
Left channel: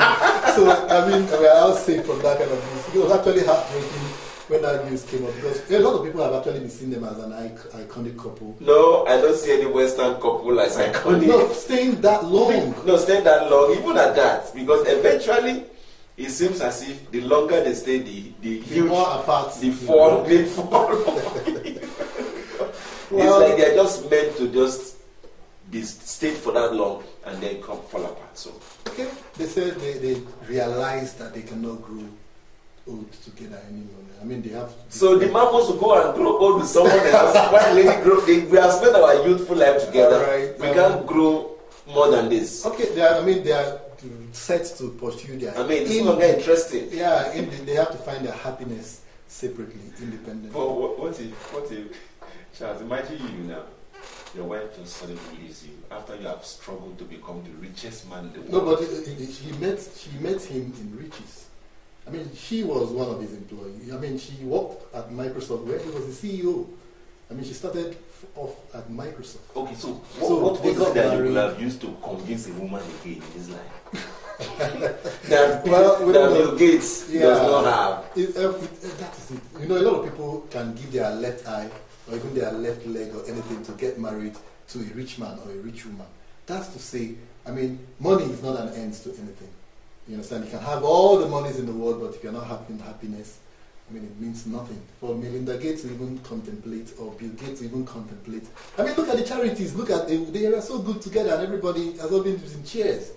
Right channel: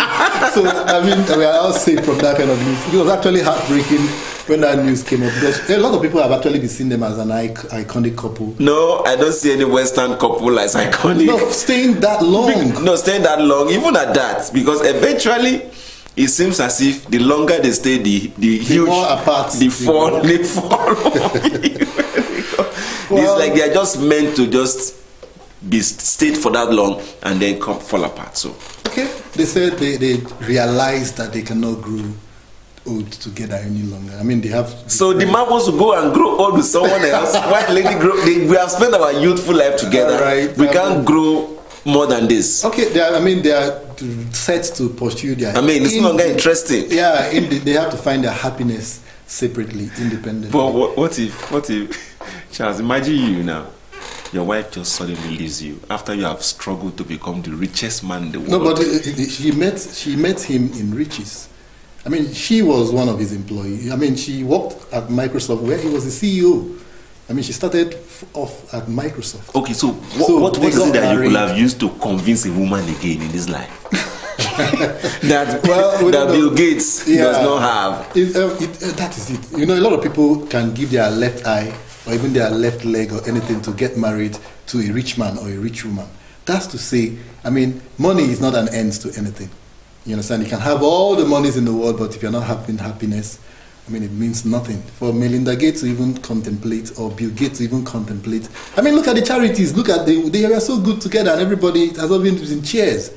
So, I mean, we are all safe from that kind of news. It was actually heartbreaking when that news came up, because a lot of people have actually been seeing them as an iconic couple. No, I don't see any Western couple as iconic. No, staying that long. No, staying that long, even at that, because eventually it seems as if the longer they stay, the huge, more apart. they fall. Well, it's like they are just meant to just be stayed for that long and then fall apart. So okay, they said they realized that they cannot grow old together any longer. I mean, they have. So the man wants to go and grow old with someone else. While lady grow, we have spent our youthful life together. Right. We can't grow more than this. Okay, they are set to pursue their. I mean, it's no longer interesting. Yeah, they have to find their happiness separately, independently. But what if, Charles? Imagine you now. Your wife just suddenly leaves you after you have struggled to become the richest man in the world. No, but she met him in riches. I mean, she was one of his employees. I mean, she worked at Microsoft where he was the CEO. I mean, she started off at Microsoft. Okay, so what was it that you could have used to convince a woman again in this life? that Bill Gates does not have. That is it. You know, a lot of people can give their left eye or even their left leg or anything to get married to a rich man or a rich woman. That's to say, I mean, money is not an end to anything. You understand? You can have all the monies in the world, but if you're not having happiness, I mean, it means nothing. For Melinda Gates to even contemplate, or Bill Gates to even contemplate. I mean, look at the charities. Look at they are so good together, and everybody has all been in cheers.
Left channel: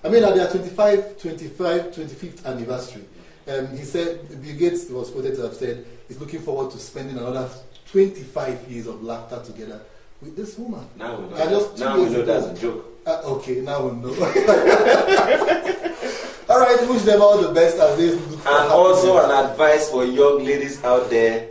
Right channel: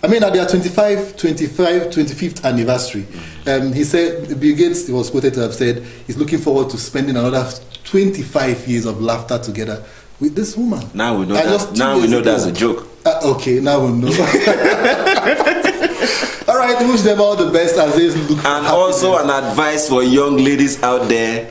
I mean, at their 25th anniversary, he said, Bill Gates was quoted to have said, he's looking forward to spending another 25 years of laughter together with this woman. Now we know that's a joke. Okay, now we know. All right, wish them all the best as they look for happiness. And also an advice for young ladies out there,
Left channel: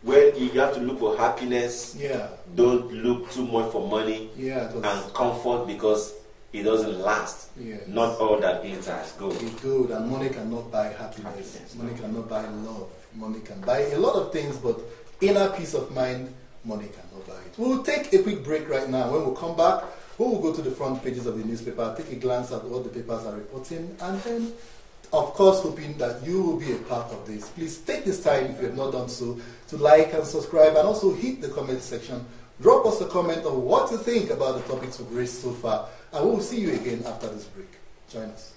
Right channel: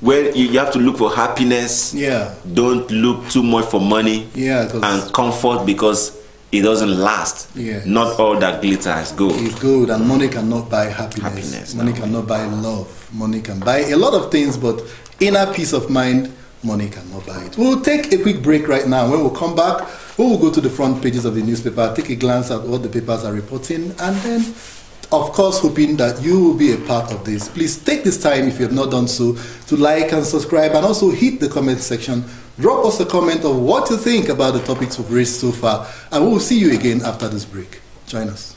where you have to look for happiness. Yeah. Don't look too much for money. Yeah. And comfort, because it doesn't last. Yes. Not all that glitter is gold. It's gold, and money cannot buy happiness. Money cannot buy love. Money can buy a lot of things, but inner peace of mind, money cannot buy it. We'll take a quick break right now. When we'll come back, we will go to the front pages of the newspaper, take a glance at what the papers are reporting, and then, of course, hoping that you will be a part of this. Please take this time, if you have not done so, to like and subscribe, and also hit the comment section. Drop us a comment of what you think about the topics we've raised so far, and we will see you again after this break. Join us.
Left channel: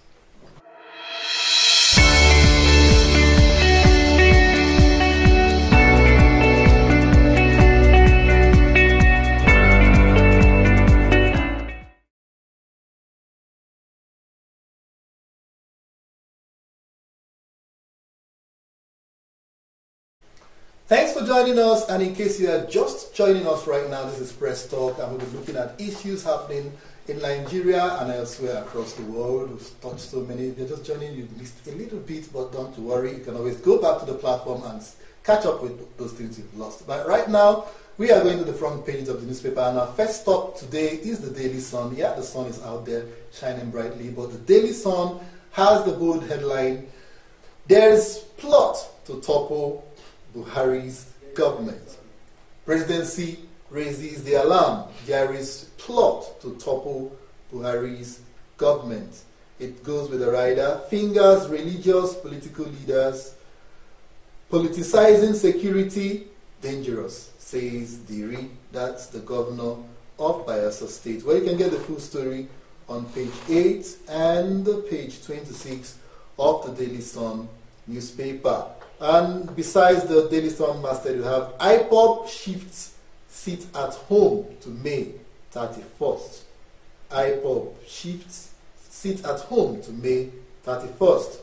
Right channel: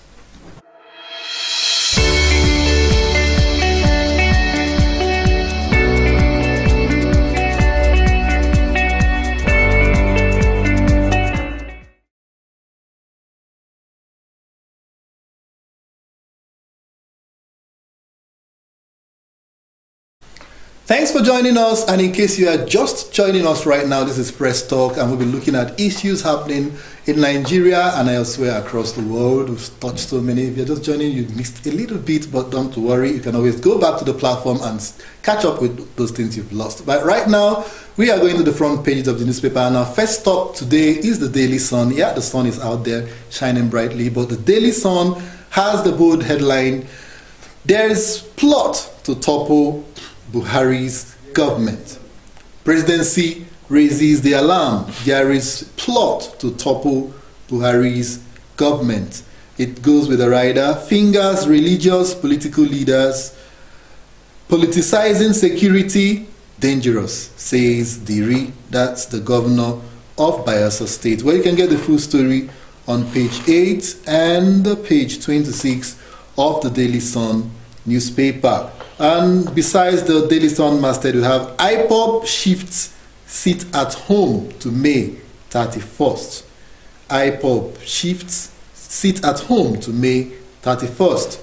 Thanks for joining us, and in case you are just joining us right now, this is Press Talk, and we'll be looking at issues happening in Nigeria and elsewhere across the world. We've touched so many. If you're just joining, you missed a little bit, but don't worry, you can always go back to the platform and catch up with those things you've lost. But right now, we are going to the front pages of the newspaper, and our first stop today is the Daily Sun. Yeah, the sun is out there shining brightly, but the Daily Sun has the bold headline, "There's plot to topple Buhari's government. Presidency raises the alarm. There is plot to topple Buhari's government." It goes with the rider. Fingers religious political leaders. Politicizing security, dangerous, says Diri. That's the governor of Bayelsa State. Well, you can get the full story on page 8 and page 26 of the Daily Sun newspaper. And besides the Daily Sun masthead, we have IPOB shifts sit at home to May 31st. IPOB shifts sit at home to May 31st.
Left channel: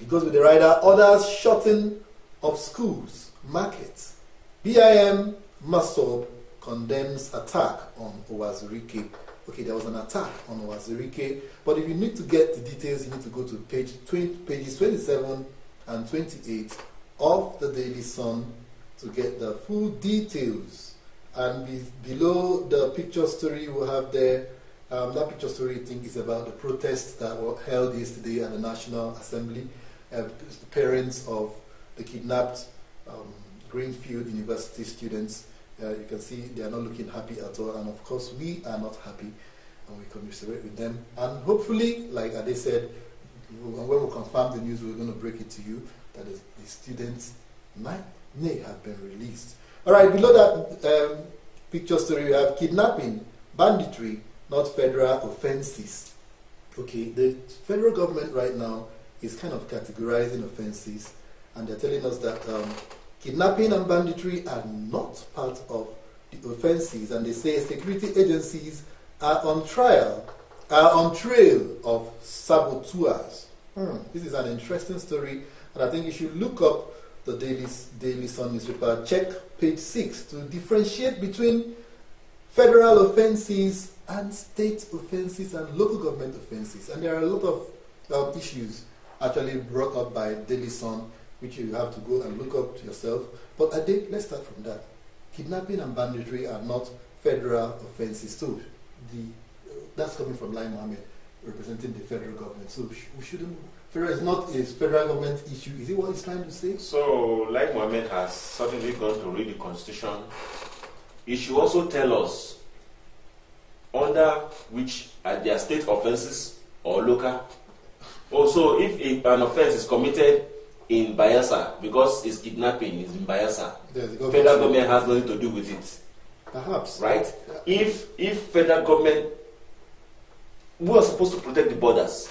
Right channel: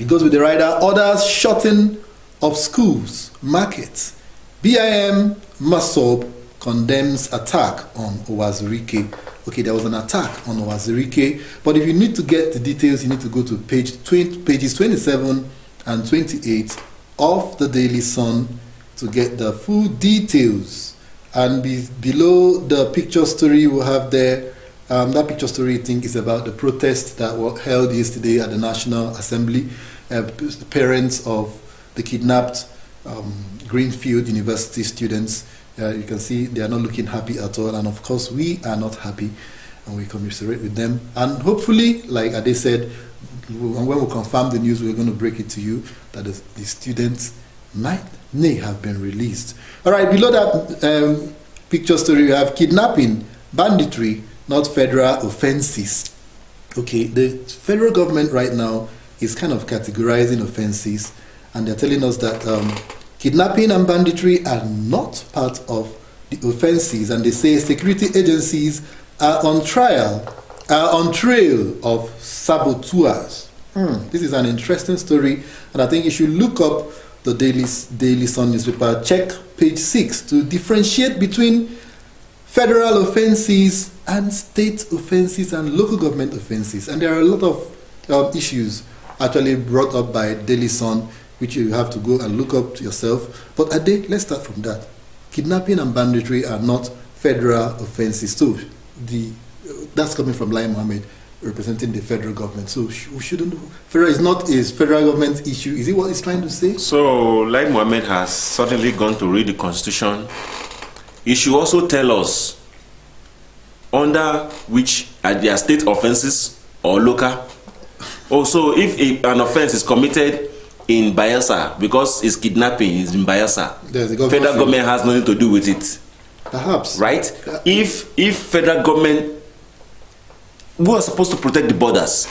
It goes with the rider. Orders shutting of schools, markets. BIM Masob condemns attack on Owazirike. Okay, there was an attack on Owazirike, but if you need to get the details, you need to go to pages 27 and 28 of the Daily Sun to get the full details. And below the picture story we have there, that picture story I think is about the protest that was held yesterday at the National Assembly. The parents of the kidnapped Greenfield University students, you can see they are not looking happy at all, and of course we are not happy, and we commiserate with them. And hopefully, like Ade said, when we confirm the news, we're going to break it to you that the students may have been released. All right, below that picture story, we have kidnapping, banditry, not federal offenses. Okay, the federal government right now is kind of categorizing offenses, and they're telling us that kidnapping and banditry are not part of the offenses, and they say security agencies are on trail of saboteurs. This is an interesting story, and I think you should look up the Daily Sun newspaper, check page 6 to differentiate between federal offenses and state offenses and local government offenses. And there are a lot of issues actually brought up by Daily Sun, which you have to go and look up yourself. But Ade, let's start from that. Kidnapping and banditry are not federal offenses. So that's coming from Lai Mohammed, representing the federal government. So we shouldn't. Federal is not a federal government issue. Is it what he's trying to say? So Lai Mohammed has certainly gone to read the Constitution. He should also tell us under which are their state offenses or local. Also, if an offense is committed in Bayelsa, because it's kidnapping, it's in Bayelsa, federal government has nothing to do with it. Perhaps. Right? If federal government, we are supposed to protect the borders.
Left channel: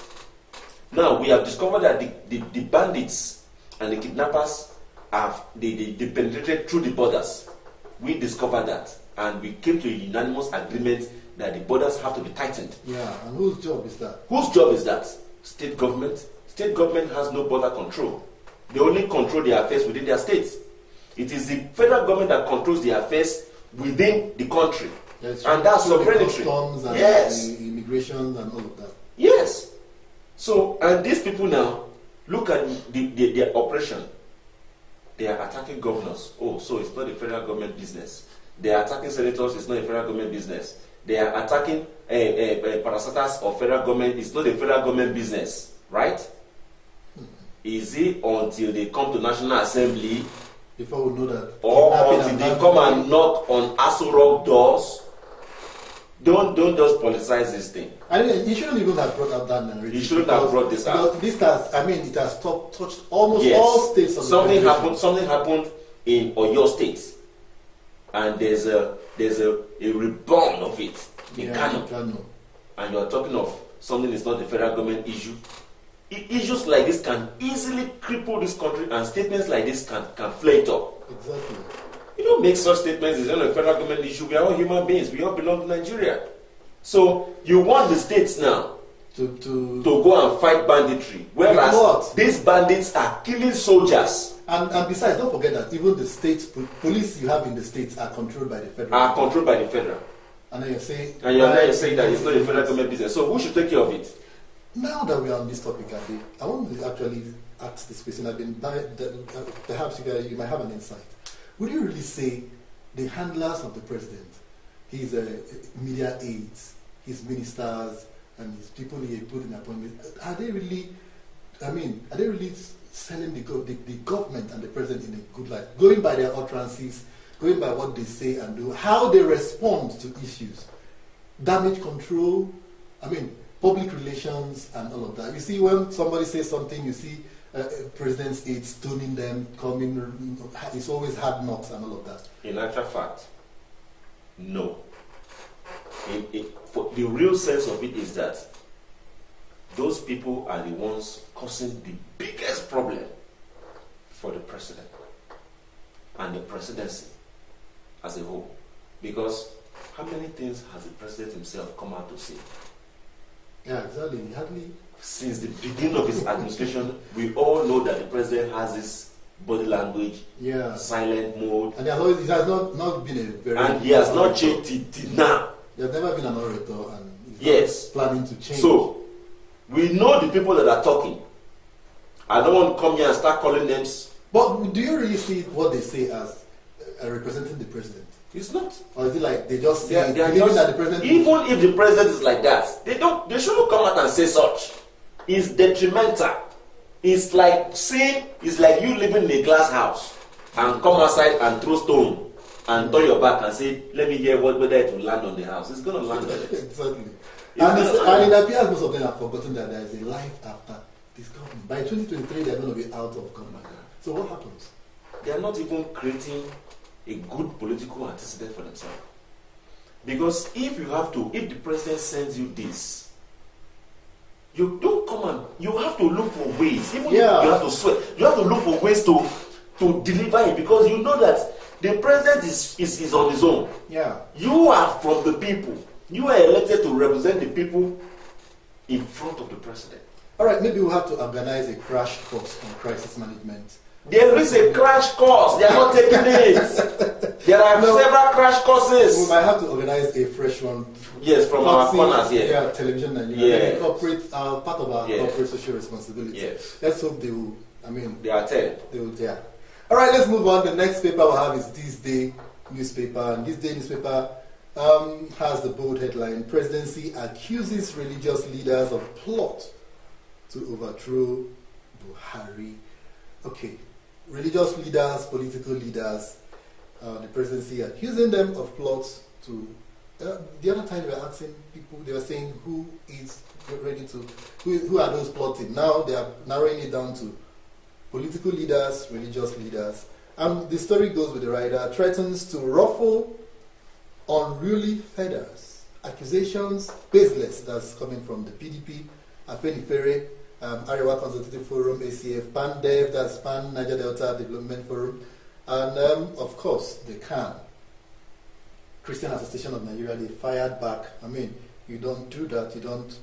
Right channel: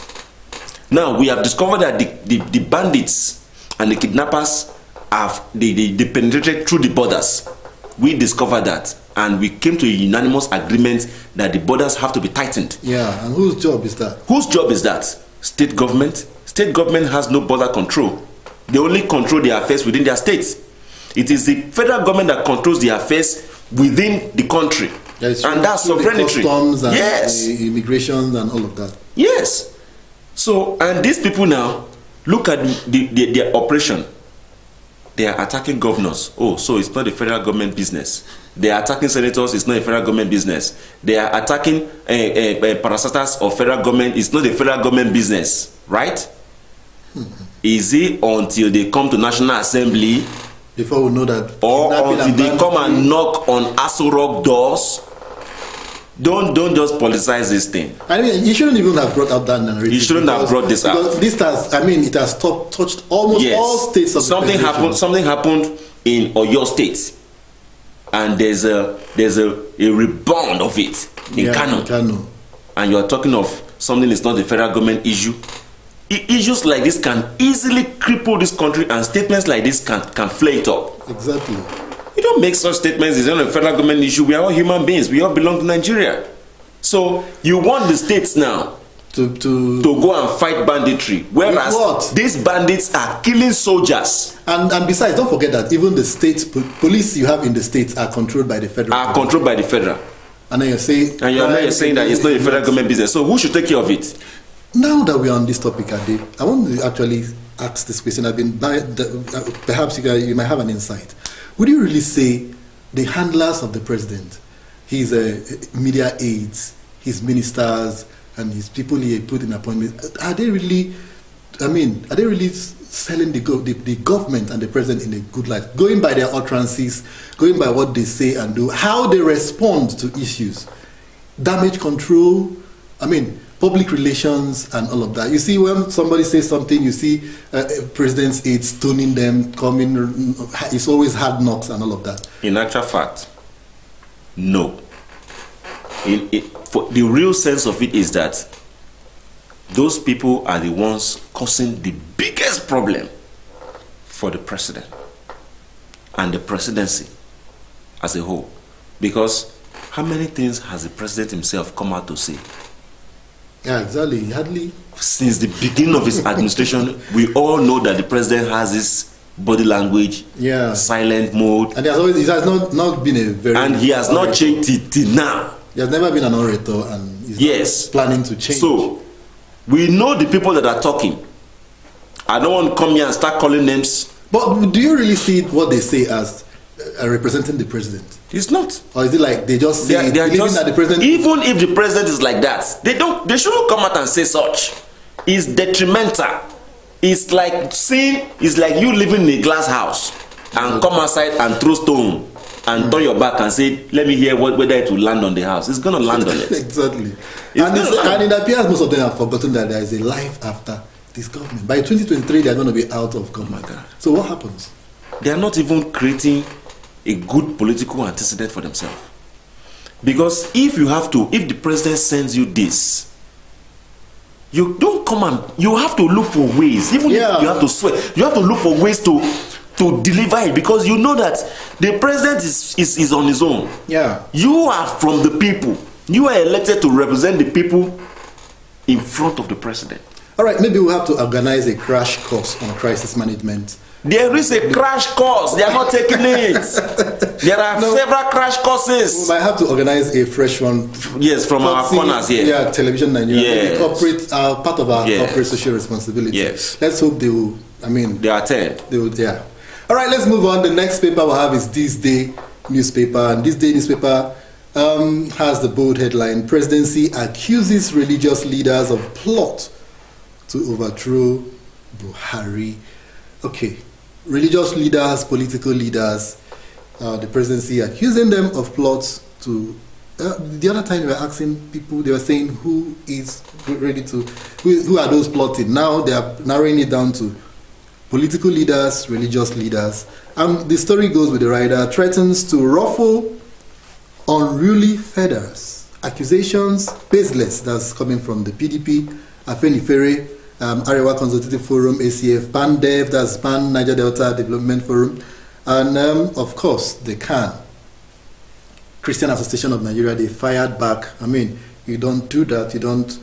Now, we have discovered that the bandits and the kidnappers they penetrated through the borders. We discovered that, and we came to a unanimous agreement that the borders have to be tightened. Yeah, and whose job is that? Whose job is that? State government. State government has no border control. They only control their affairs within their states. It is the federal government that controls the affairs within the country. And that's sovereignty. Customs and yes. Immigration and all of that. Yes. So, and these people now, look at their operation. They are attacking governors. Oh, so it's not a federal government business. They are attacking senators. It's not a federal government business. They are attacking parastatals of federal government. It's not a federal government business, right? Is it until they come to National Assembly before we know that, or until they come and knock on Aso Rock doors? Don't just politicize this thing. I mean, you shouldn't even have brought up that narrative. You shouldn't have brought this out. This has, I mean, it has touched almost all states of something happened. Something happened in Oyo State, and there's a rebound of it in Kano. And you are talking of something that's not a federal government issue. Issues like this can easily cripple this country, and statements like this can flare it up. Exactly. You don't make such statements. It's not a federal government issue. We are all human beings. We all belong to Nigeria. So you want the states now to go and fight banditry, whereas these bandits are killing soldiers. And besides, don't forget that even the state police you have in the states are controlled by the federal. Controlled by the federal. And then you're saying. And you're saying that it's not a federal government business. So who should take care of it? Now that we're on this topic, Ade, I want to actually ask this question. Perhaps you might have an insight. Would you really say the handlers of the president, his media aides, his ministers, and his people he put in appointment, are they really selling the government and the president in a good light, going by their utterances, going by what they say and do, how they respond to issues, damage control, I mean, public relations and all of that. You see, when somebody says something, you see president's aides stoning them, coming, it's always hard knocks and all of that. In actual fact, no. For the real sense of it is that those people are the ones causing the biggest problem for the president and the presidency as a whole. Because how many things has the president himself come out to say? Yeah, exactly. Hardly. Since the beginning of his administration, we all know that the president has this body language, silent mode. And it has not been a very... And he has not changed it till now. He has never been an orator, and he's not planning to change. So, we know the people that are talking. I don't want to come here and start calling names. But do you really see what they say as representing the president? It's not. Or is it like they just say they are just, that the president... Even if the president is like that, they shouldn't come out and say such. It's detrimental. It's like you living in a glass house and come outside and throw stone and turn your back and say, let me hear whether it will land on the house. It's going to land on it. Exactly. And it appears most of them have forgotten that there is a life after this government. By 2023, they are going to be out of government. Oh my God. So what happens? They are not even creating a good political antecedent for themselves. Because if the president sends you this, you don't come and you have to look for ways. Even if you have to swear, you have to look for ways to deliver it, because you know that the president is on his own. Yeah. You are from the people. You are elected to represent the people in front of the president. All right, maybe we have to organize a crash course on crisis management. There is a crash course. They are not taking it. There are several crash courses. We might have to organize a fresh one. Yes, from our corners here. Yeah, Television Nigeria. Yes. Corporate, part of our corporate social responsibility. Yes. Let's hope they will. I mean, they attend. They will. Yeah. All right, let's move on. The next paper we'll have is This Day newspaper, and This Day newspaper has the bold headline: Presidency accuses religious leaders of plot to overthrow Buhari. Okay. Religious leaders, political leaders, the presidency accusing them of plots to... the other time they were asking people, they were saying who are those plotting. Now they are narrowing it down to political leaders, religious leaders. And the story goes with the writer: threatens to ruffle unruly feathers. Accusations baseless. That's coming from the PDP, Afenifere, Arewa Consultative Forum, ACF, PANDEV, that's Pan Niger Delta Development Forum, and of course the CAN, Christian Association of Nigeria. They fired back. I mean, you don't do that. You don't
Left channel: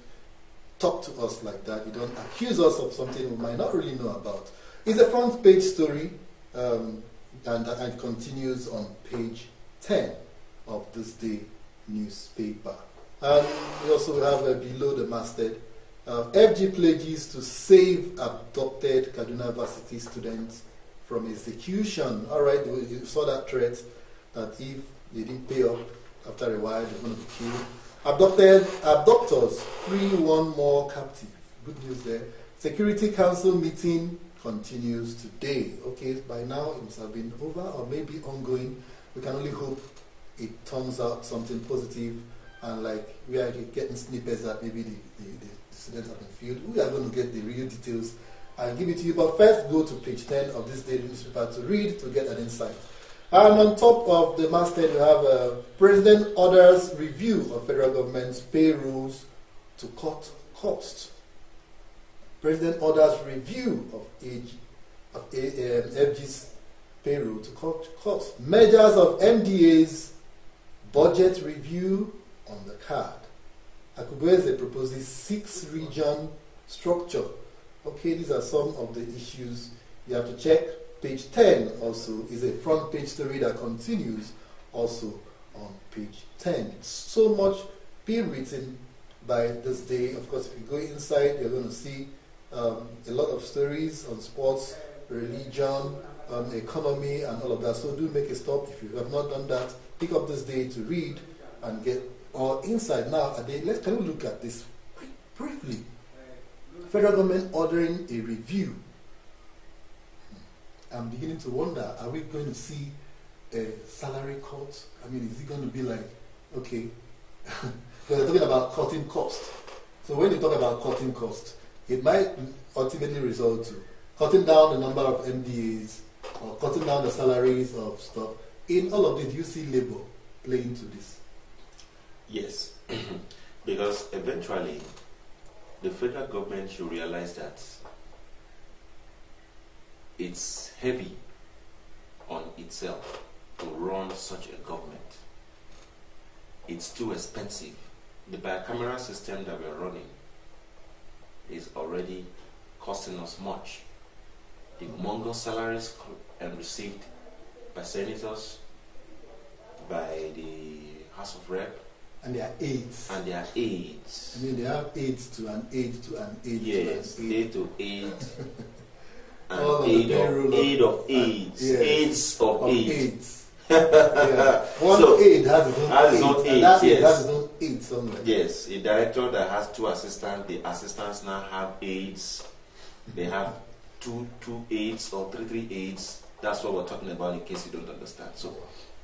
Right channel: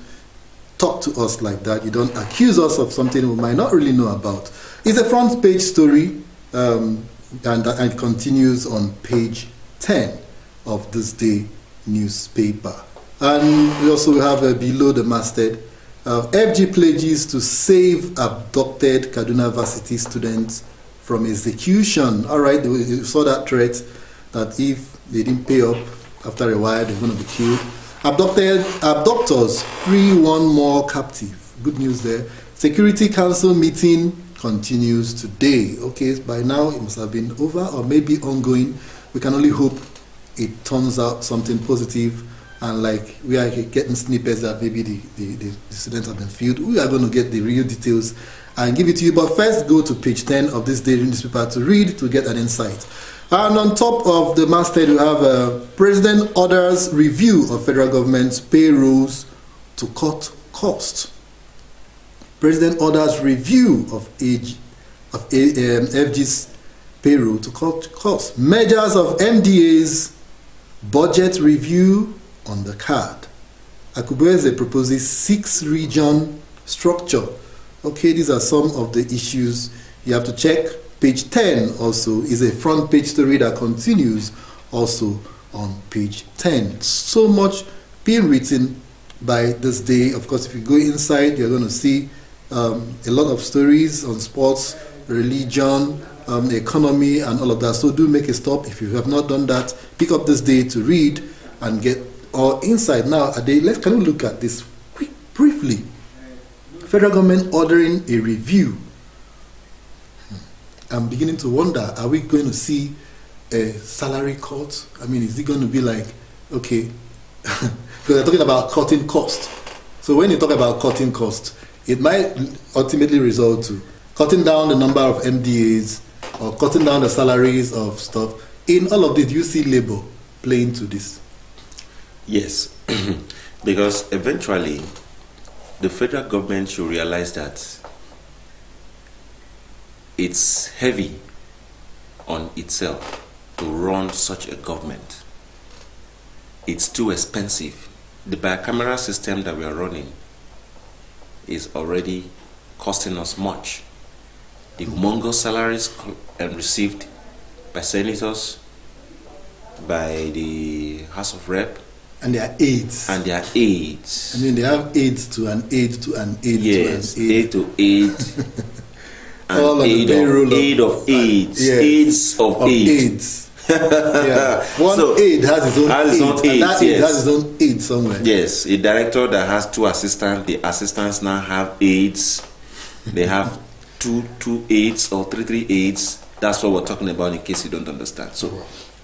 talk to us like that. You don't accuse us of something we might not really know about. It's a front page story, and it continues on page 10 of This Day newspaper. And we also have below the masthead, FG pledges to save abducted Kaduna Varsity students from execution. All right, you saw that threat that if they didn't pay up after a while, they're going to be killed. Abductors free one more captive. Good news there. Security Council meeting continues today. Okay, by now it must have been over or maybe ongoing. We can only hope it turns out something positive. And like we are getting snippets that maybe the students have been filled, we are going to get the real details and give it to you. But first, go to page 10 of This Day newspaper to read, to get an insight. And on top of the masthead, we have President orders review of federal government's payrolls to cut costs. President orders review of FG's payroll to cut costs. Measures of MDA's budget review on the card. Akubeze proposes 6-region structure. Okay, these are some of the issues you have to check. Page 10 also is a front page story that continues also on page 10. So much being written by This Day. Of course, if you go inside, you're going to see a lot of stories on sports, religion, the economy, and all of that. So do make a stop. If you have not done that, pick up This Day to read and get our insight. Now, can we look at this briefly? Federal government ordering a review. I'm beginning to wonder, are we going to see a salary cut? I mean, is it going to be like, okay, because they're talking about cutting costs. So when you talk about cutting costs, it might ultimately result to cutting down the number of MDAs or cutting down the salaries of stuff. In all of this, you see labor playing to this. Yes, because eventually the federal government should realize that it's heavy on itself to run such a government. It's too expensive. The bicameral system that we are running is already costing us much. The humongous salaries received by senators, by the House of Rep, and their aides. And their aides. I mean, they have aides to an aide to an aide yes, to an aide. Aide to aide. All of aid the payroll of aides. Yes, Aides of aides. Yeah. One aide has his own aide, and that aide has his own aide somewhere. Yes, a director that has 2 assistants, the assistants now have aides. They have two aides or three aides. That's what we're talking about in case you don't understand. So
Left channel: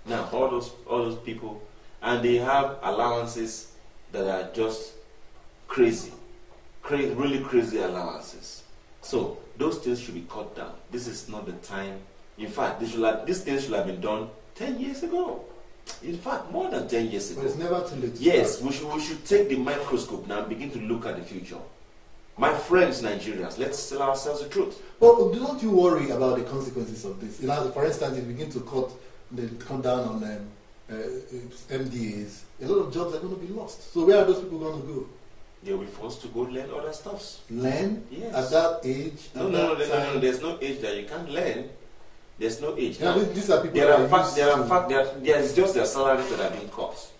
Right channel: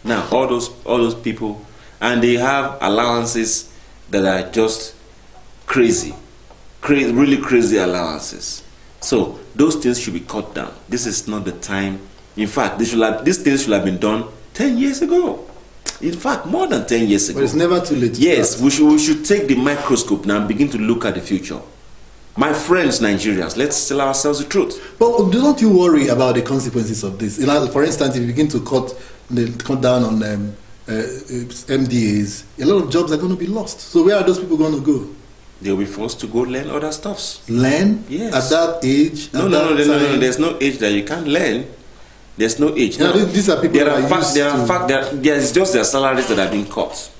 now all those people, and they have allowances that are just crazy, really crazy allowances. So those things should be cut down. This is not the time. In fact, these things should have been done 10 years ago. In fact, more than 10 years ago. But it's never too late. Yes, we should take the microscope now and begin to look at the future. My friends, Nigerians, let's tell ourselves the truth. But don't you worry about the consequences of this? For instance, if you begin to cut down on MDAs, a lot of jobs are going to be lost. So where are those people going to go? They'll be forced to go learn other stuffs. Learn? Yes. At that age? No. There's no age that you can't learn. There's no age. Yeah, now, these are people there's just their salaries that are being cut.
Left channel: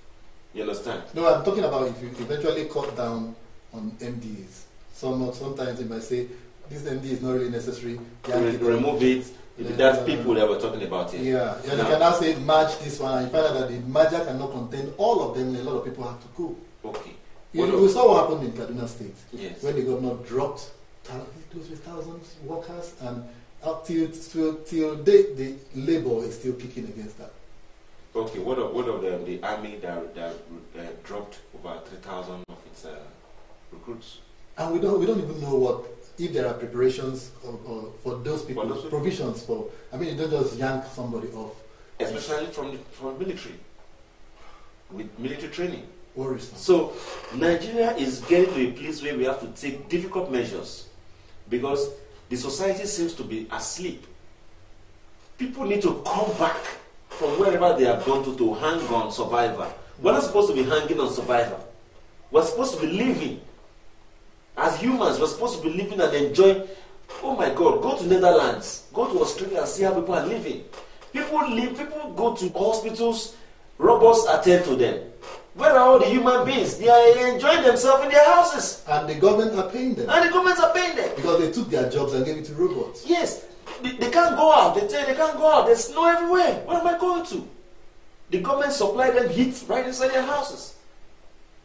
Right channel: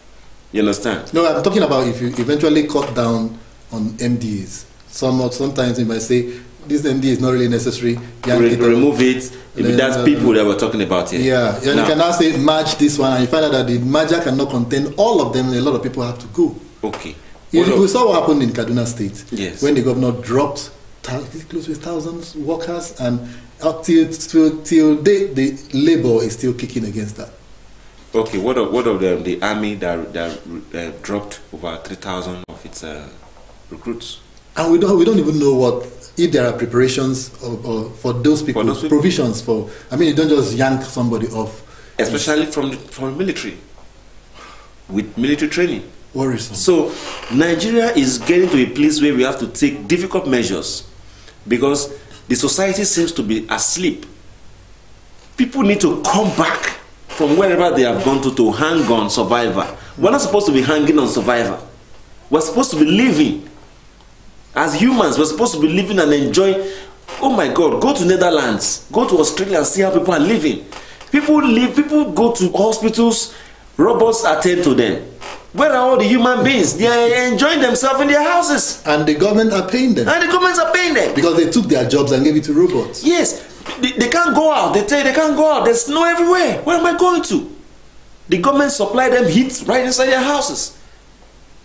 You understand? No, I'm talking about if you eventually cut down on MDAs. Sometimes you might say, this MD is not really necessary. Remove it. That's people that we're talking about here. Yeah, and you can now say merge this one, and you find out that the merger cannot contain all of them, and a lot of people have to go. Okay. We saw what happened in Kaduna State. Yes. When the governor dropped close to 1,000 workers, and up till date, the labor is still kicking against that. Okay, what of the army that dropped over 3,000 of its recruits? And we don't even know if there are preparations for those people, provisions for. I mean, you don't just yank somebody off. Especially from the military, with military training. Worrisome. So Nigeria is getting to a place where we have to take difficult measures because the society seems to be asleep. People need to come back from wherever they have gone to hang on survivor. We're not supposed to be hanging on survivor. We're supposed to be living. As humans, we're supposed to be living and enjoying. Oh my God, go to Netherlands, go to Australia and see how people are living. People go to hospitals, robots attend to them. Where are all the human beings? They are enjoying themselves in their houses. And the government are paying them. And the governments are paying them. Because they took their jobs and gave it to robots. Yes. They can't go out. They tell you they can't go out. There's snow everywhere. Where am I going to? The government supply them heat right inside their houses.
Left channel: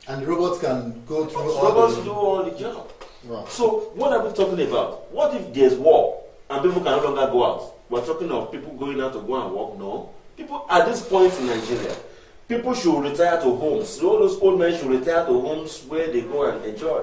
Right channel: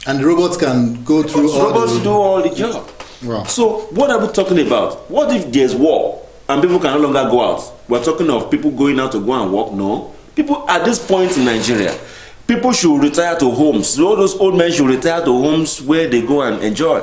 And the robots can go through robots do all the job. Wow. So what are we talking about? What if there's war and people can no longer go out? We're talking of people going out to go and work? No. People at this point in Nigeria, people should retire to homes. So all those old men should retire to homes where they go and enjoy.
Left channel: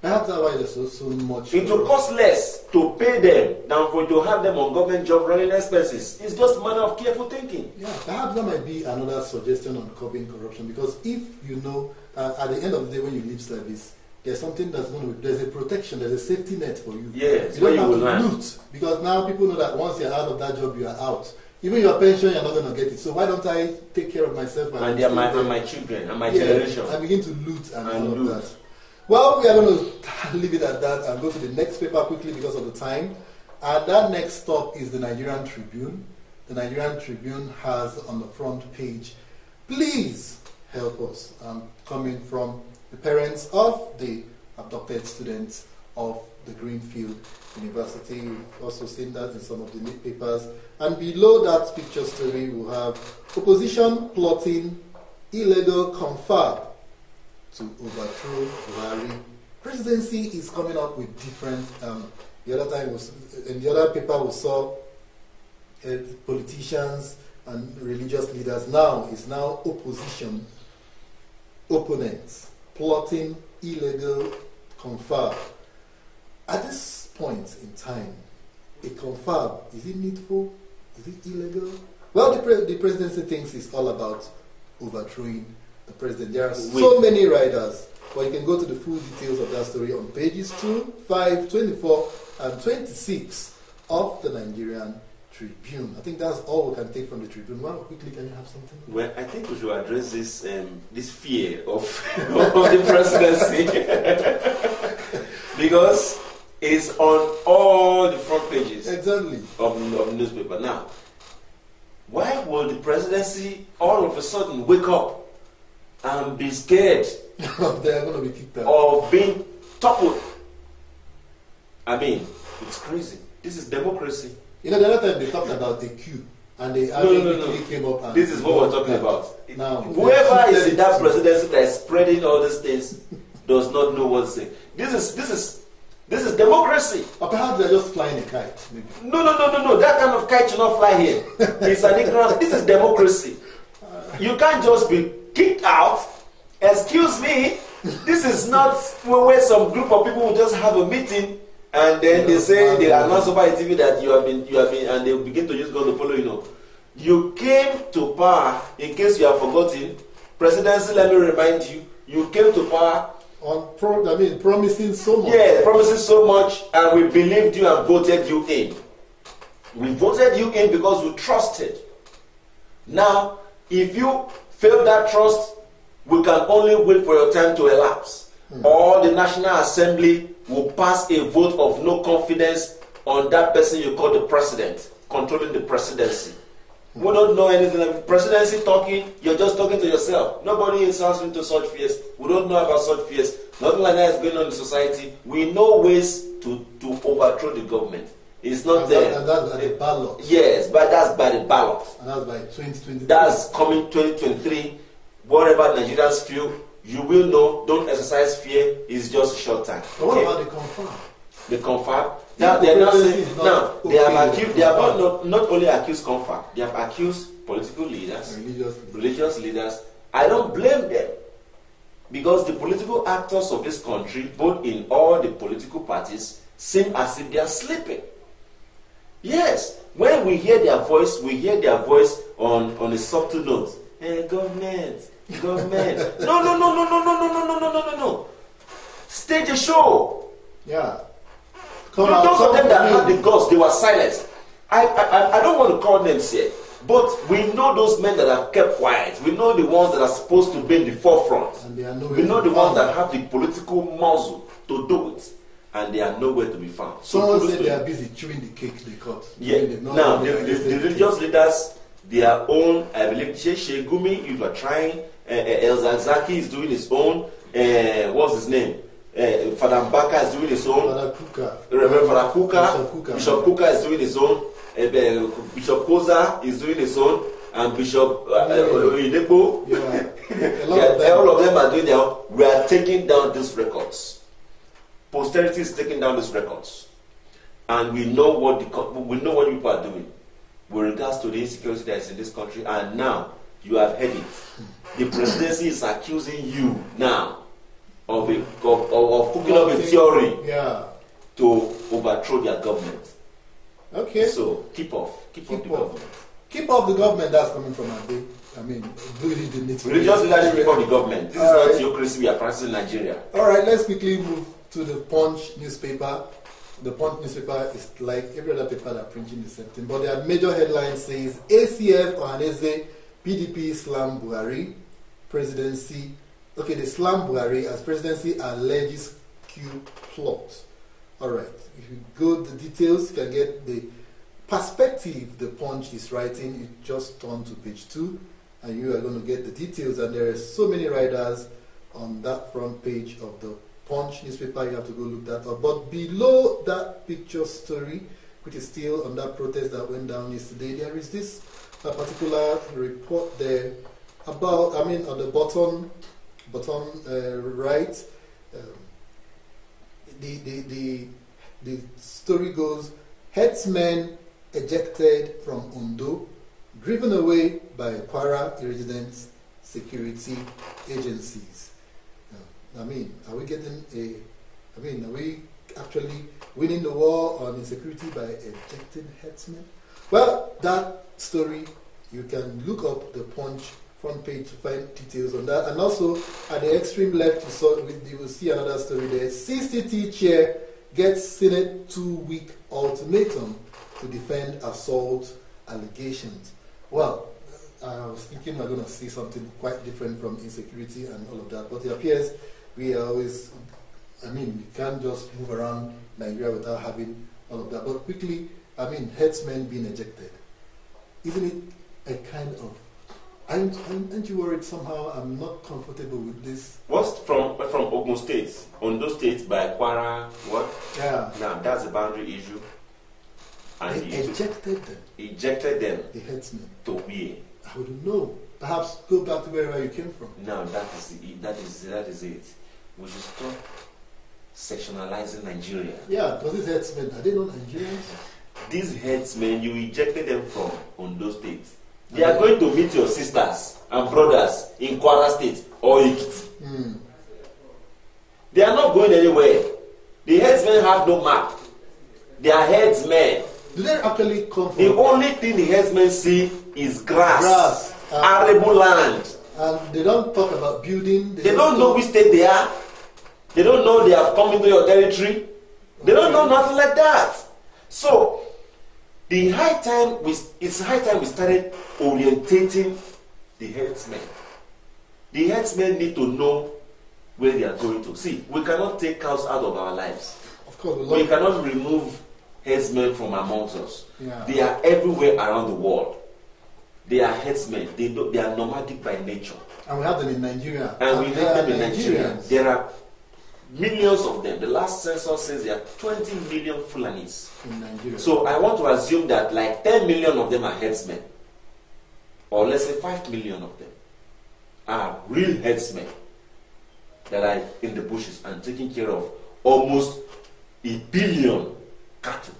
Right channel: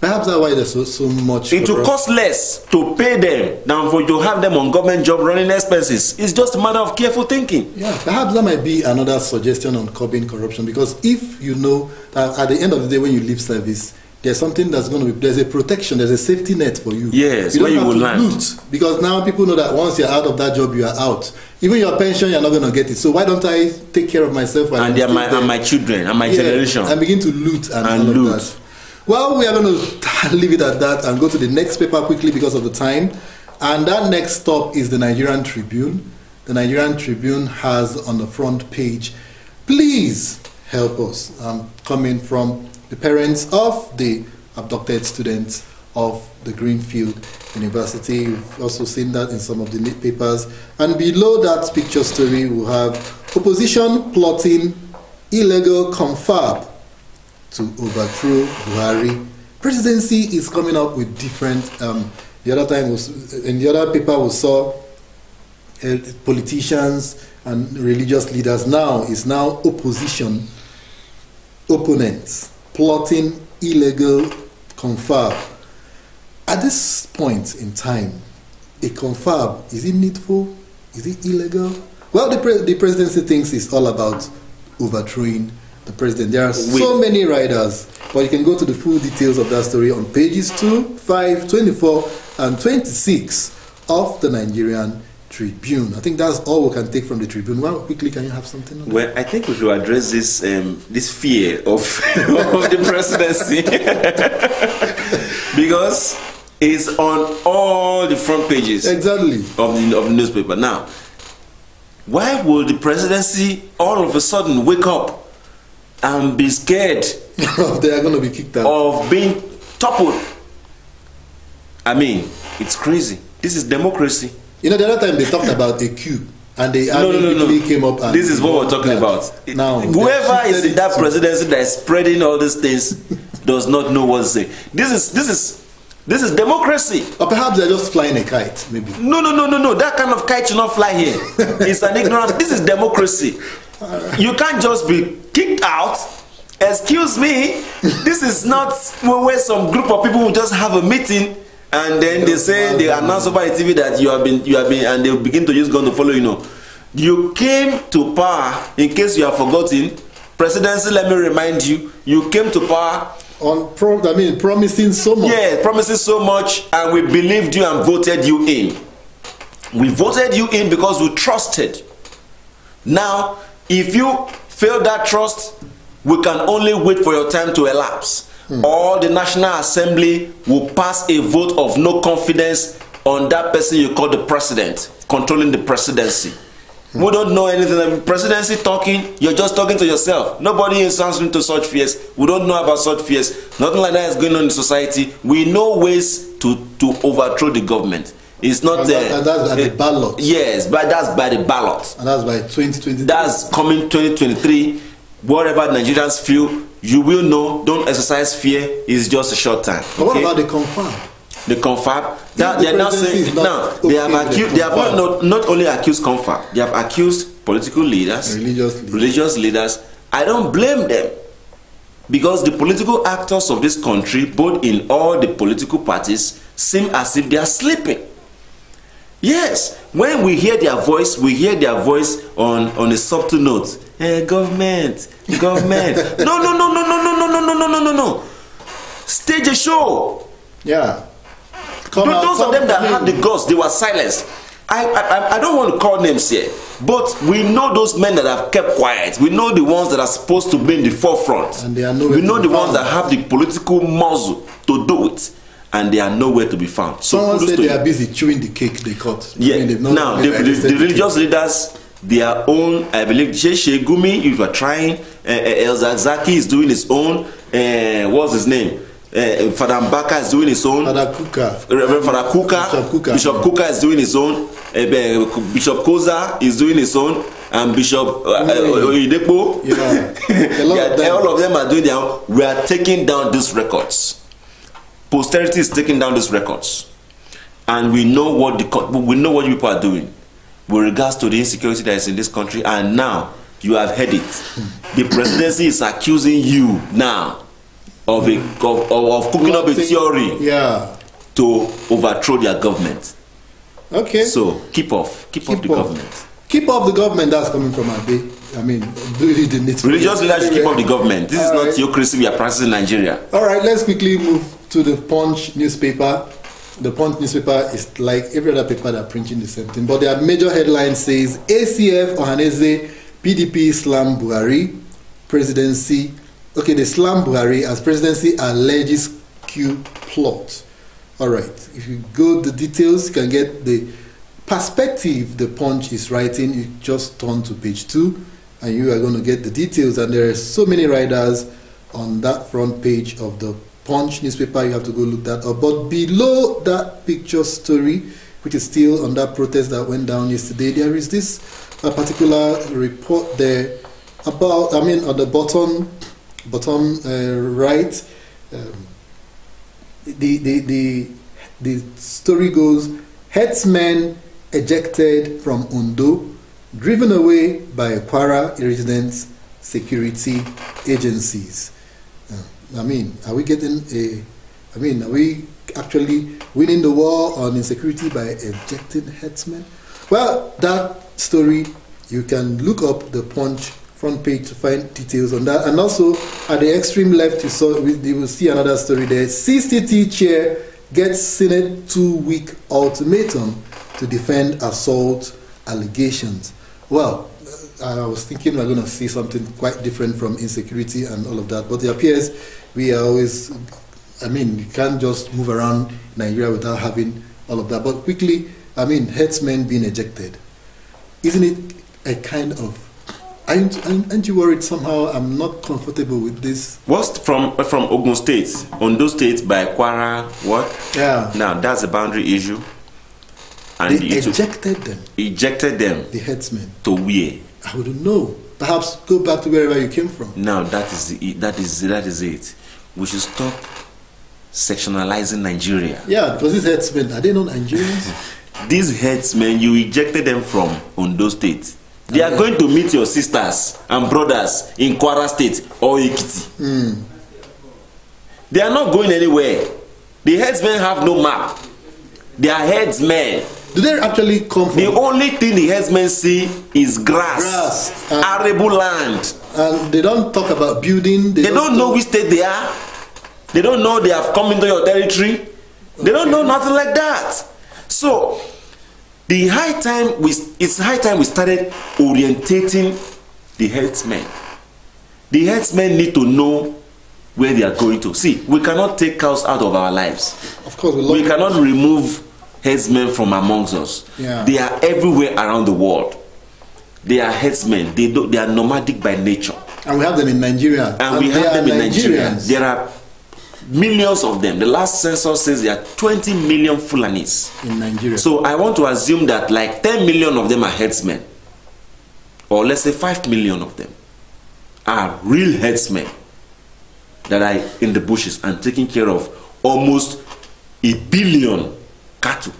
Perhaps that's why there's so much. It will cost less to pay them than for you to have them on government job running expenses. It's just a matter of careful thinking. Yeah, perhaps that might be another suggestion on curbing corruption, because if you know that at the end of the day when you leave service, there's something that's going to be, there's a protection, there's a safety net for you. Yes, you don't where have you will to loot, because now people know that once you're out of that job, you are out. Even your pension, you're not going to get it. So why don't I take care of myself and my children and my generation and begin to loot and loot. That. Well, we are going to leave it at that and go to the next paper quickly because of the time. And that next stop is the Nigerian Tribune. The Nigerian Tribune has on the front page, please help us. Coming from the parents of the abducted students of the Greenfield University. We've also seen that in some of the papers. And below that picture story, we have opposition plotting illegal confab to overthrow Buhari. Presidency is coming up with different. The other time in the other paper we saw politicians and religious leaders. Now it's opposition opponents plotting illegal confab. At this point in time, a confab, is it needful? Is it illegal? Well, the presidency thinks it's all about overthrowing the president. There are so many riders, but you can go to the full details of that story on pages 2, 5, 24, and 26 of the Nigerian Tribune. I think that's all we can take from the Tribune. Well, quickly, can you have something on that? Well, I think we should address this this fear of the presidency because it's on all the front pages Exactly. of the newspaper. Now, why will the presidency all of a sudden wake up and be scared They are going to be kicked out. of being toppled? I mean, it's crazy. This is democracy. You know, the other time they talked about a coup, and they quickly came up and... This is what we're talking about. Now, whoever is in that presidency that is spreading all these things does not know what to say. This is democracy. Or perhaps they're just flying a kite, maybe. No. That kind of kite should not fly here. It's an ignorance. This is democracy. You can't just be kicked out. Excuse me. This is not where some group of people will just have a meeting and then they say, they announce over the TV that you have been, and they begin to use gun to follow you. Know, you came to power. In case you have forgotten, presidency. Let me remind you, you came to power promising so much. Yeah, promising so much, and we believed you and voted you in. We voted you in because we trusted. Now, if you fail that trust, we can only wait for your time to elapse. Or the National Assembly will pass a vote of no confidence on that person you call the president, controlling the presidency. We don't know anything. The presidency talking, you're just talking to yourself. Nobody is answering to such fears. We don't know about such fears. Nothing like that is going on in society. We know ways to overthrow the government. It's not there. And that's by the ballot. Yes, but that's by the ballot. And that's by 2023. That's coming 2023. Whatever Nigerians feel, you will know. Don't exercise fear. It's just a short time. But what about the confab? The confab, that they are now saying now they have accused. They have not only accused confab. They have accused political leaders, religious leaders. I don't blame them, because the political actors of this country, both in all the political parties, seem as if they are sleeping. Yes, when we hear their voice on a subtle note. Government. No. Stage a show. Yeah. Those of them that had the guts, they were silenced. I don't want to call names here, but we know those men that have kept quiet. We know the ones that are supposed to be in the forefront. And they are we know the ones that have the political muscle to do it, and they are nowhere to be found. Someone said they are busy chewing the cake they cut. Yeah. Now, the religious leaders, their own, I believe, Sheikh Gumi, if you are trying, El Zaki is doing his own, what's his name? Father Mbaka is doing his own. Reverend Father Kuka. Bishop Kuka is doing his own. Bishop Koza is doing his own. And Bishop Oyedepo. Yeah. All of them are doing their own. We are taking down these records. Posterity is taking down these records. And we know what you people are doing with regards to the insecurity that is in this country. And now, you have heard it. The presidency is accusing you now of cooking up a theory to overthrow their government. Okay. So keep off the government. Keep off the government. That's coming from Abe. I mean, religious leaders should keep off the government. This is not theocracy we are practicing in Nigeria. All right, let's quickly move to the Punch newspaper. The Punch newspaper is like every other paper that are printing the same thing, but their major headline says ACF Ohaneze PDP slam Buhari presidency. Okay, they slam Buhari as presidency alleges coup plot. All right, if you go to the details, you can get the perspective the Punch is writing. You just turn to page 2 and you are going to get the details. And there are so many writers on that front page of the Punch newspaper. You have to go look that up. But below that picture story, which is still on that protest that went down yesterday, there is this particular report there about, I mean, on the bottom right, the story goes, herdsmen ejected from Ondo, driven away by Kwara residents security agencies. I mean, are we getting are we actually winning the war on insecurity by ejecting headsmen? Well, that story, you can look up the Punch front page to find details on that. And also, at the extreme left, you will see another story there. CCT chair gets Senate 2-week ultimatum to defend assault allegations. Well, I was thinking we're going to see something quite different from insecurity and all of that, but it appears we are always, I mean, you can't just move around Nigeria without having all of that. But quickly, I mean, headsmen being ejected. Isn't it a kind of, aren't you worried somehow I'm not comfortable with this? What's from Ogun State, Ondo State by Kwara, what? Yeah. Now, that's a boundary issue. And they ejected them. Ejected them. The headsmen. To where? I wouldn't know. Perhaps go back to wherever you came from. Now, that is it. We should stop sectionalizing Nigeria. Yeah, because these headsmen, are they not Nigerians? These headsmen, you ejected them from Ondo State. They are going to meet your sisters and brothers in Kwara State or Ekiti. They are not going anywhere. The headsmen have no map. They are headsmen. Do they actually come from? The only thing the headsmen see is grass, arable land. And they don't talk about building. They don't know which state they are. They don't know they have come into your territory. They don't know nothing like that. So, it's high time we started orientating the headsmen. The headsmen need to know where they are going to. See, we cannot take cows out of our lives. Of course, we cannot remove headsmen from amongst us. Yeah. They are everywhere around the world. They are headsmen. They are nomadic by nature. And we have them in Nigeria. And we have them in Nigeria. There are millions of them. The last census says there are 20 million Fulanis in Nigeria. So I want to assume that like 10 million of them are headsmen. Or let's say 5 million of them are real headsmen that are in the bushes and taking care of almost 1 billion cattle.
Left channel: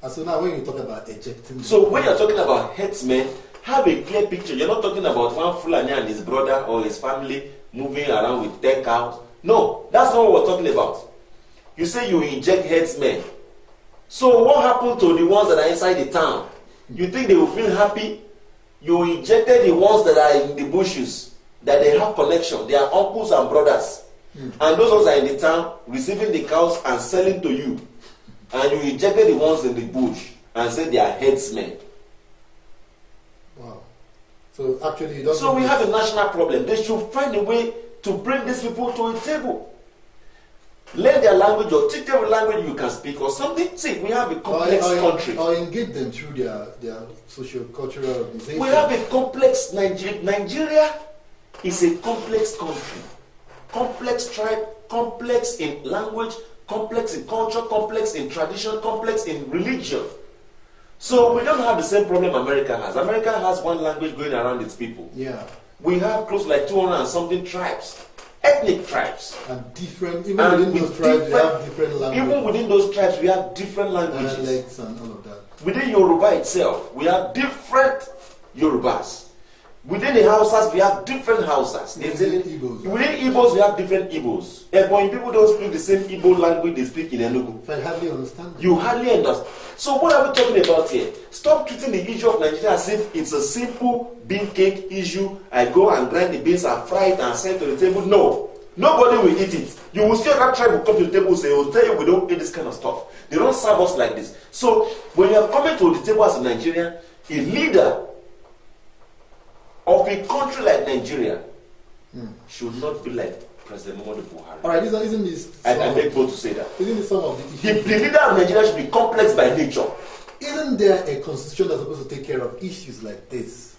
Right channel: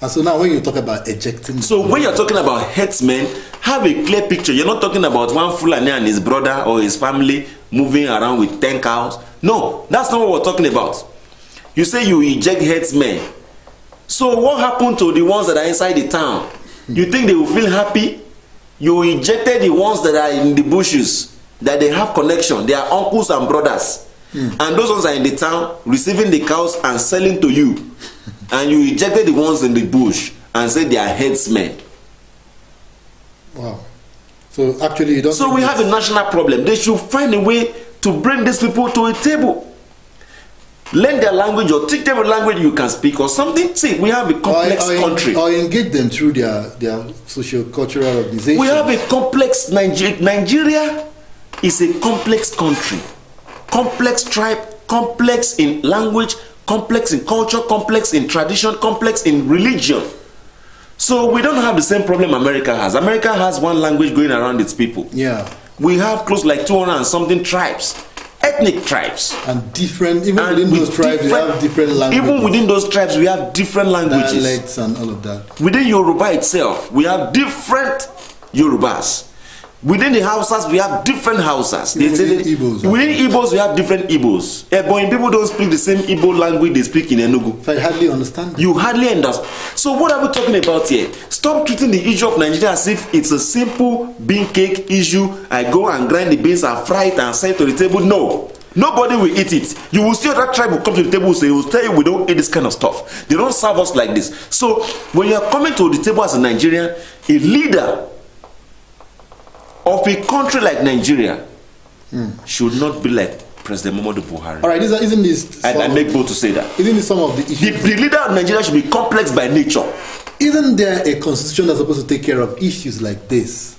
And so now when you talk about ejecting... So when you're talking about headsmen, have a clear picture. You're not talking about one Fulani and his brother or his family moving around with 10 cows. No, that's not what we're talking about. You say you eject headsmen. So what happened to the ones that are inside the town? You think they will feel happy? You ejected the ones that are in the bushes, that they have connection. They are uncles and brothers. And those ones are in the town receiving the cows and selling to you. And you ejected the ones in the bush and said they are headsmen. Wow. So actually you don't... So we have a national problem. They should find a way to bring these people to a table. Learn their language or teach them a language you can speak or something. See, we have a complex country. Or engage them through their socio-cultural organization. We have a complex Nigeria is a complex country. Complex tribe, complex in language, complex in culture, complex in tradition, complex in religion. So we don't have the same problem America has. America has one language going around its people. Yeah. We have close like 200 and something tribes, ethnic tribes. And different, even within those tribes, we have different languages. Even within those tribes, we have different languages. Dialects and all of that. Within Yoruba itself, we have different Yorubas. Within the Hausas, we have different Hausas. Within Igbos. Within Igbos, we have different Igbos. But people don't speak the same Igbo language they speak in Enugu. I hardly understand. You hardly understand. So what are we talking about here? Stop treating the issue of Nigeria as if it's a simple bean cake issue. I go and grind the beans and fry it and send it to the table. No. Nobody will eat it. You will see that tribe will come to the table and say, will tell you we don't eat this kind of stuff. They don't serve us like this. So when you are coming to the table as a Nigerian, a leader of a country like Nigeria should not be like President Muhammadu Buhari. All right, isn't this... I make bold to say that. Isn't this some of the issues? The leader of Nigeria should be complex by nature. Isn't there a constitution that's supposed to take care of issues like this?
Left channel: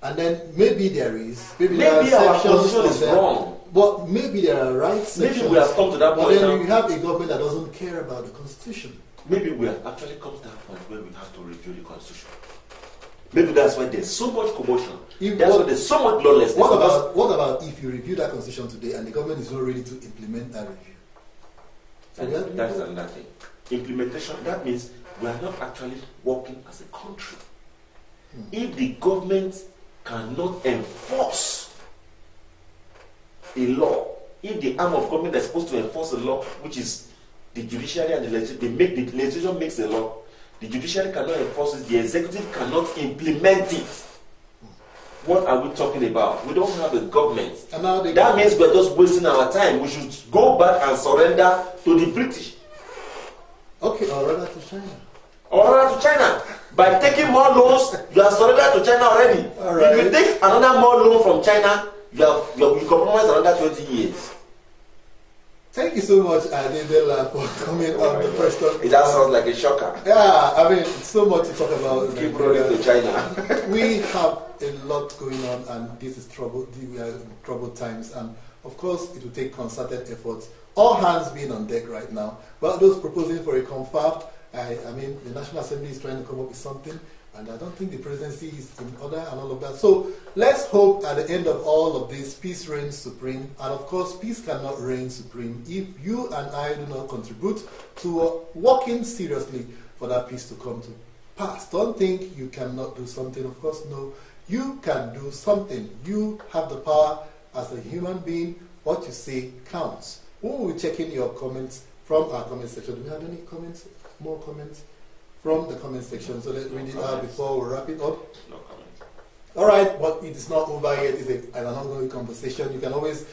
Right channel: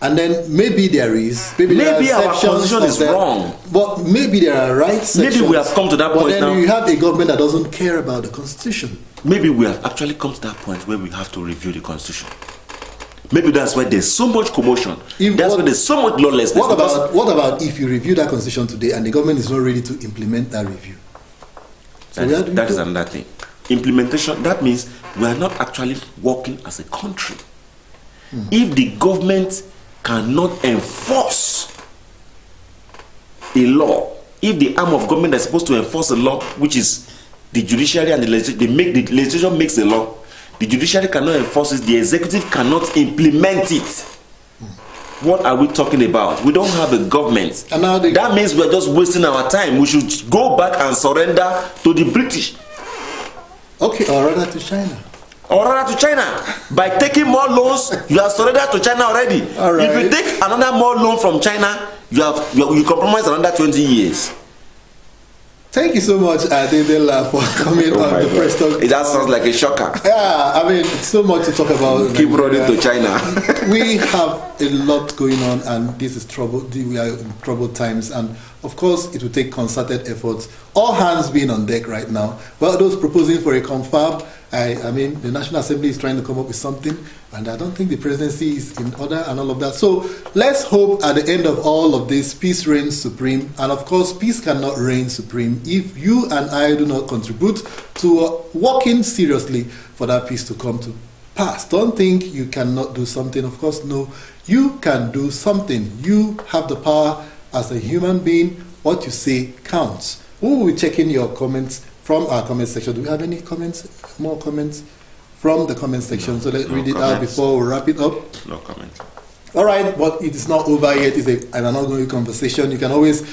And then maybe there is... Maybe our constitution is wrong. But maybe there are right sections. Maybe we have come to that point now. But then you have a government that doesn't care about the constitution. Maybe we have actually come to that point where we have to review the constitution. Maybe that's why there's so much commotion. That's why there's so much lawlessness. What about if you review that constitution today and the government is not ready to implement that review? So that is another thing. Implementation, that means we are not actually working as a country. If the government cannot enforce a law, if the arm of government that's supposed to enforce a law, which is the judiciary and the legislature, the legislature makes the law, the judiciary cannot enforce it, the executive cannot implement it. What are we talking about? We don't have a government. And now that means we're just wasting our time. We should go back and surrender to the British. Okay, or rather to China. Or rather to China. By taking more loans, you have surrendered to China already. All right. If you take another more loan from China, you compromise another 20 years. Thank you so much, Adedela, for coming on the press talk. It just sounds like a shocker. Yeah, I mean, so much to talk about. Keep running to China. We have a lot going on, and this is trouble. We are in troubled times, and of course, it will take concerted efforts. All hands being on deck right now. Well, those proposing for a confab, I mean, the National Assembly is trying to come up with something, and I don't think the presidency is in order and all of that. So let's hope at the end of all of this, peace reigns supreme. And of course, peace cannot reign supreme if you and I do not contribute to working seriously for that peace to come to pass. Don't think you cannot do something. Of course, no, you can do something. You have the power as a human being. What you say counts. We will be checking your comments from our comment section. Do we have any comments? More comments from the comment section? So let's read it out before we wrap it up. No comments. All right, but it is not over yet. It's an ongoing conversation. You can always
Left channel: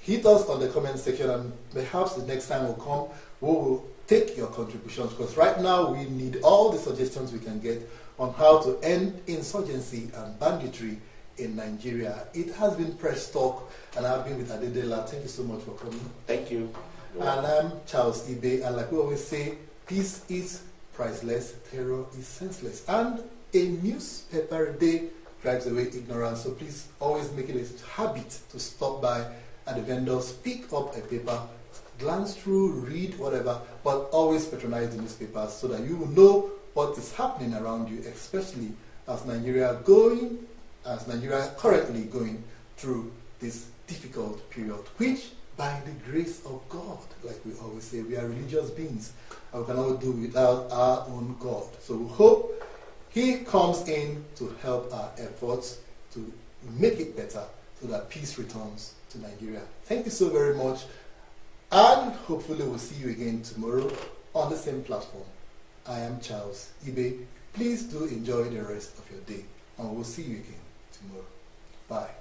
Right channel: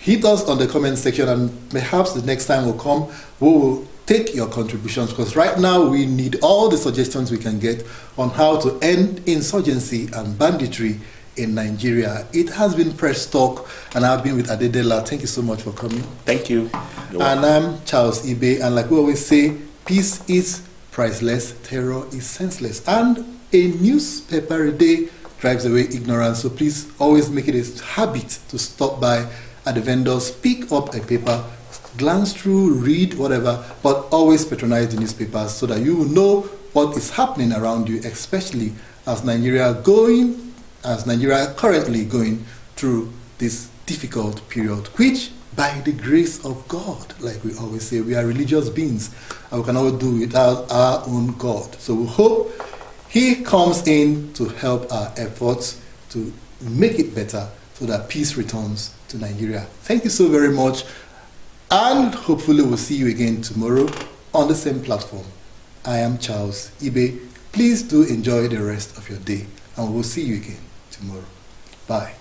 hit us on the comment section, and perhaps the next time will come, we will take your contributions, because right now we need all the suggestions we can get on how to end insurgency and banditry in Nigeria. It has been Press Talk, and I've been with Adedela. Thank you so much for coming. Thank you. And I'm Charles Ibe, and like we always say, peace is priceless, terror is senseless, and a newspaper a day drives away ignorance. So please always make it a habit to stop by at the vendors, pick up a paper, glance through, read, whatever, but always patronize the newspapers so that you will know what is happening around you, especially as Nigeria currently going through this difficult period, which by the grace of God, like we always say, we are religious beings, and we cannot do without our own God. So we hope He comes in to help our efforts to make it better so that peace returns to Nigeria. Thank you so very much, and hopefully we'll see you again tomorrow on the same platform. I am Charles Ibe. Please do enjoy the rest of your day, and we will see you again tomorrow. Bye.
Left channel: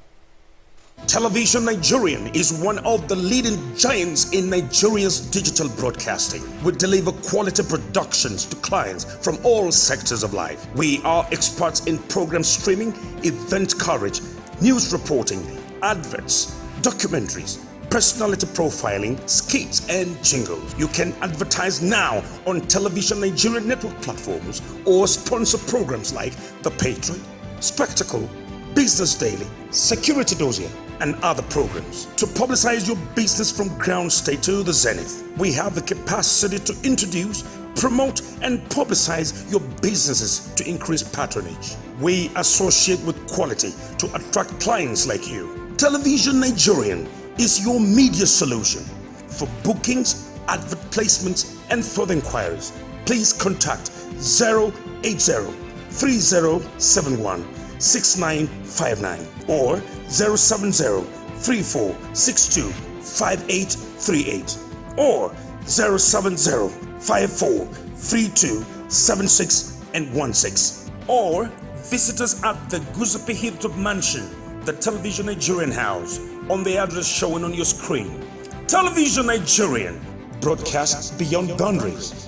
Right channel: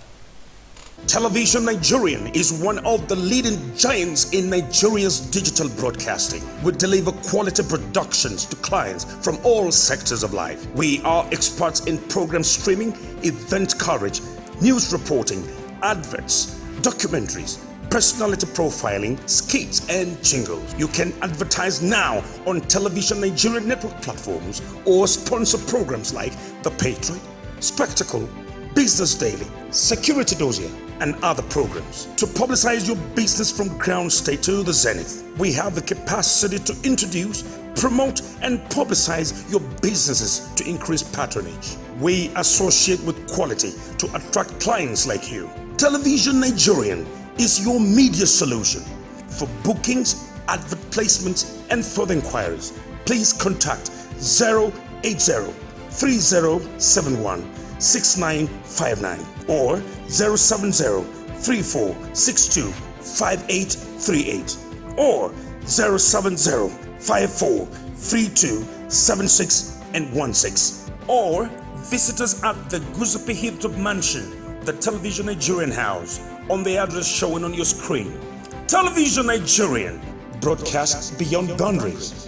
Television Nigerian is one of the leading giants in Nigeria's digital broadcasting. We deliver quality productions to clients from all sectors of life. We are experts in program streaming, event coverage, news reporting, adverts, documentaries, personality profiling, skits, and jingles. You can advertise now on Television Nigerian network platforms or sponsor programs like The Patriot, Spectacle, Business Daily, Security Dossier, and other programs. To publicize your business from ground state to the zenith, we have the capacity to introduce, promote, and publicize your businesses to increase patronage. We associate with quality to attract clients like you. Television Nigerian is your media solution. For bookings, advert placements, and further inquiries, please contact 080-3071-6959 or 070-3462-5838 or 070-5432-7616 or visit us at the Guzape Hilltop Mansion, the Television Nigerian House, on the address showing on your screen. Television Nigerian, broadcasts beyond boundaries.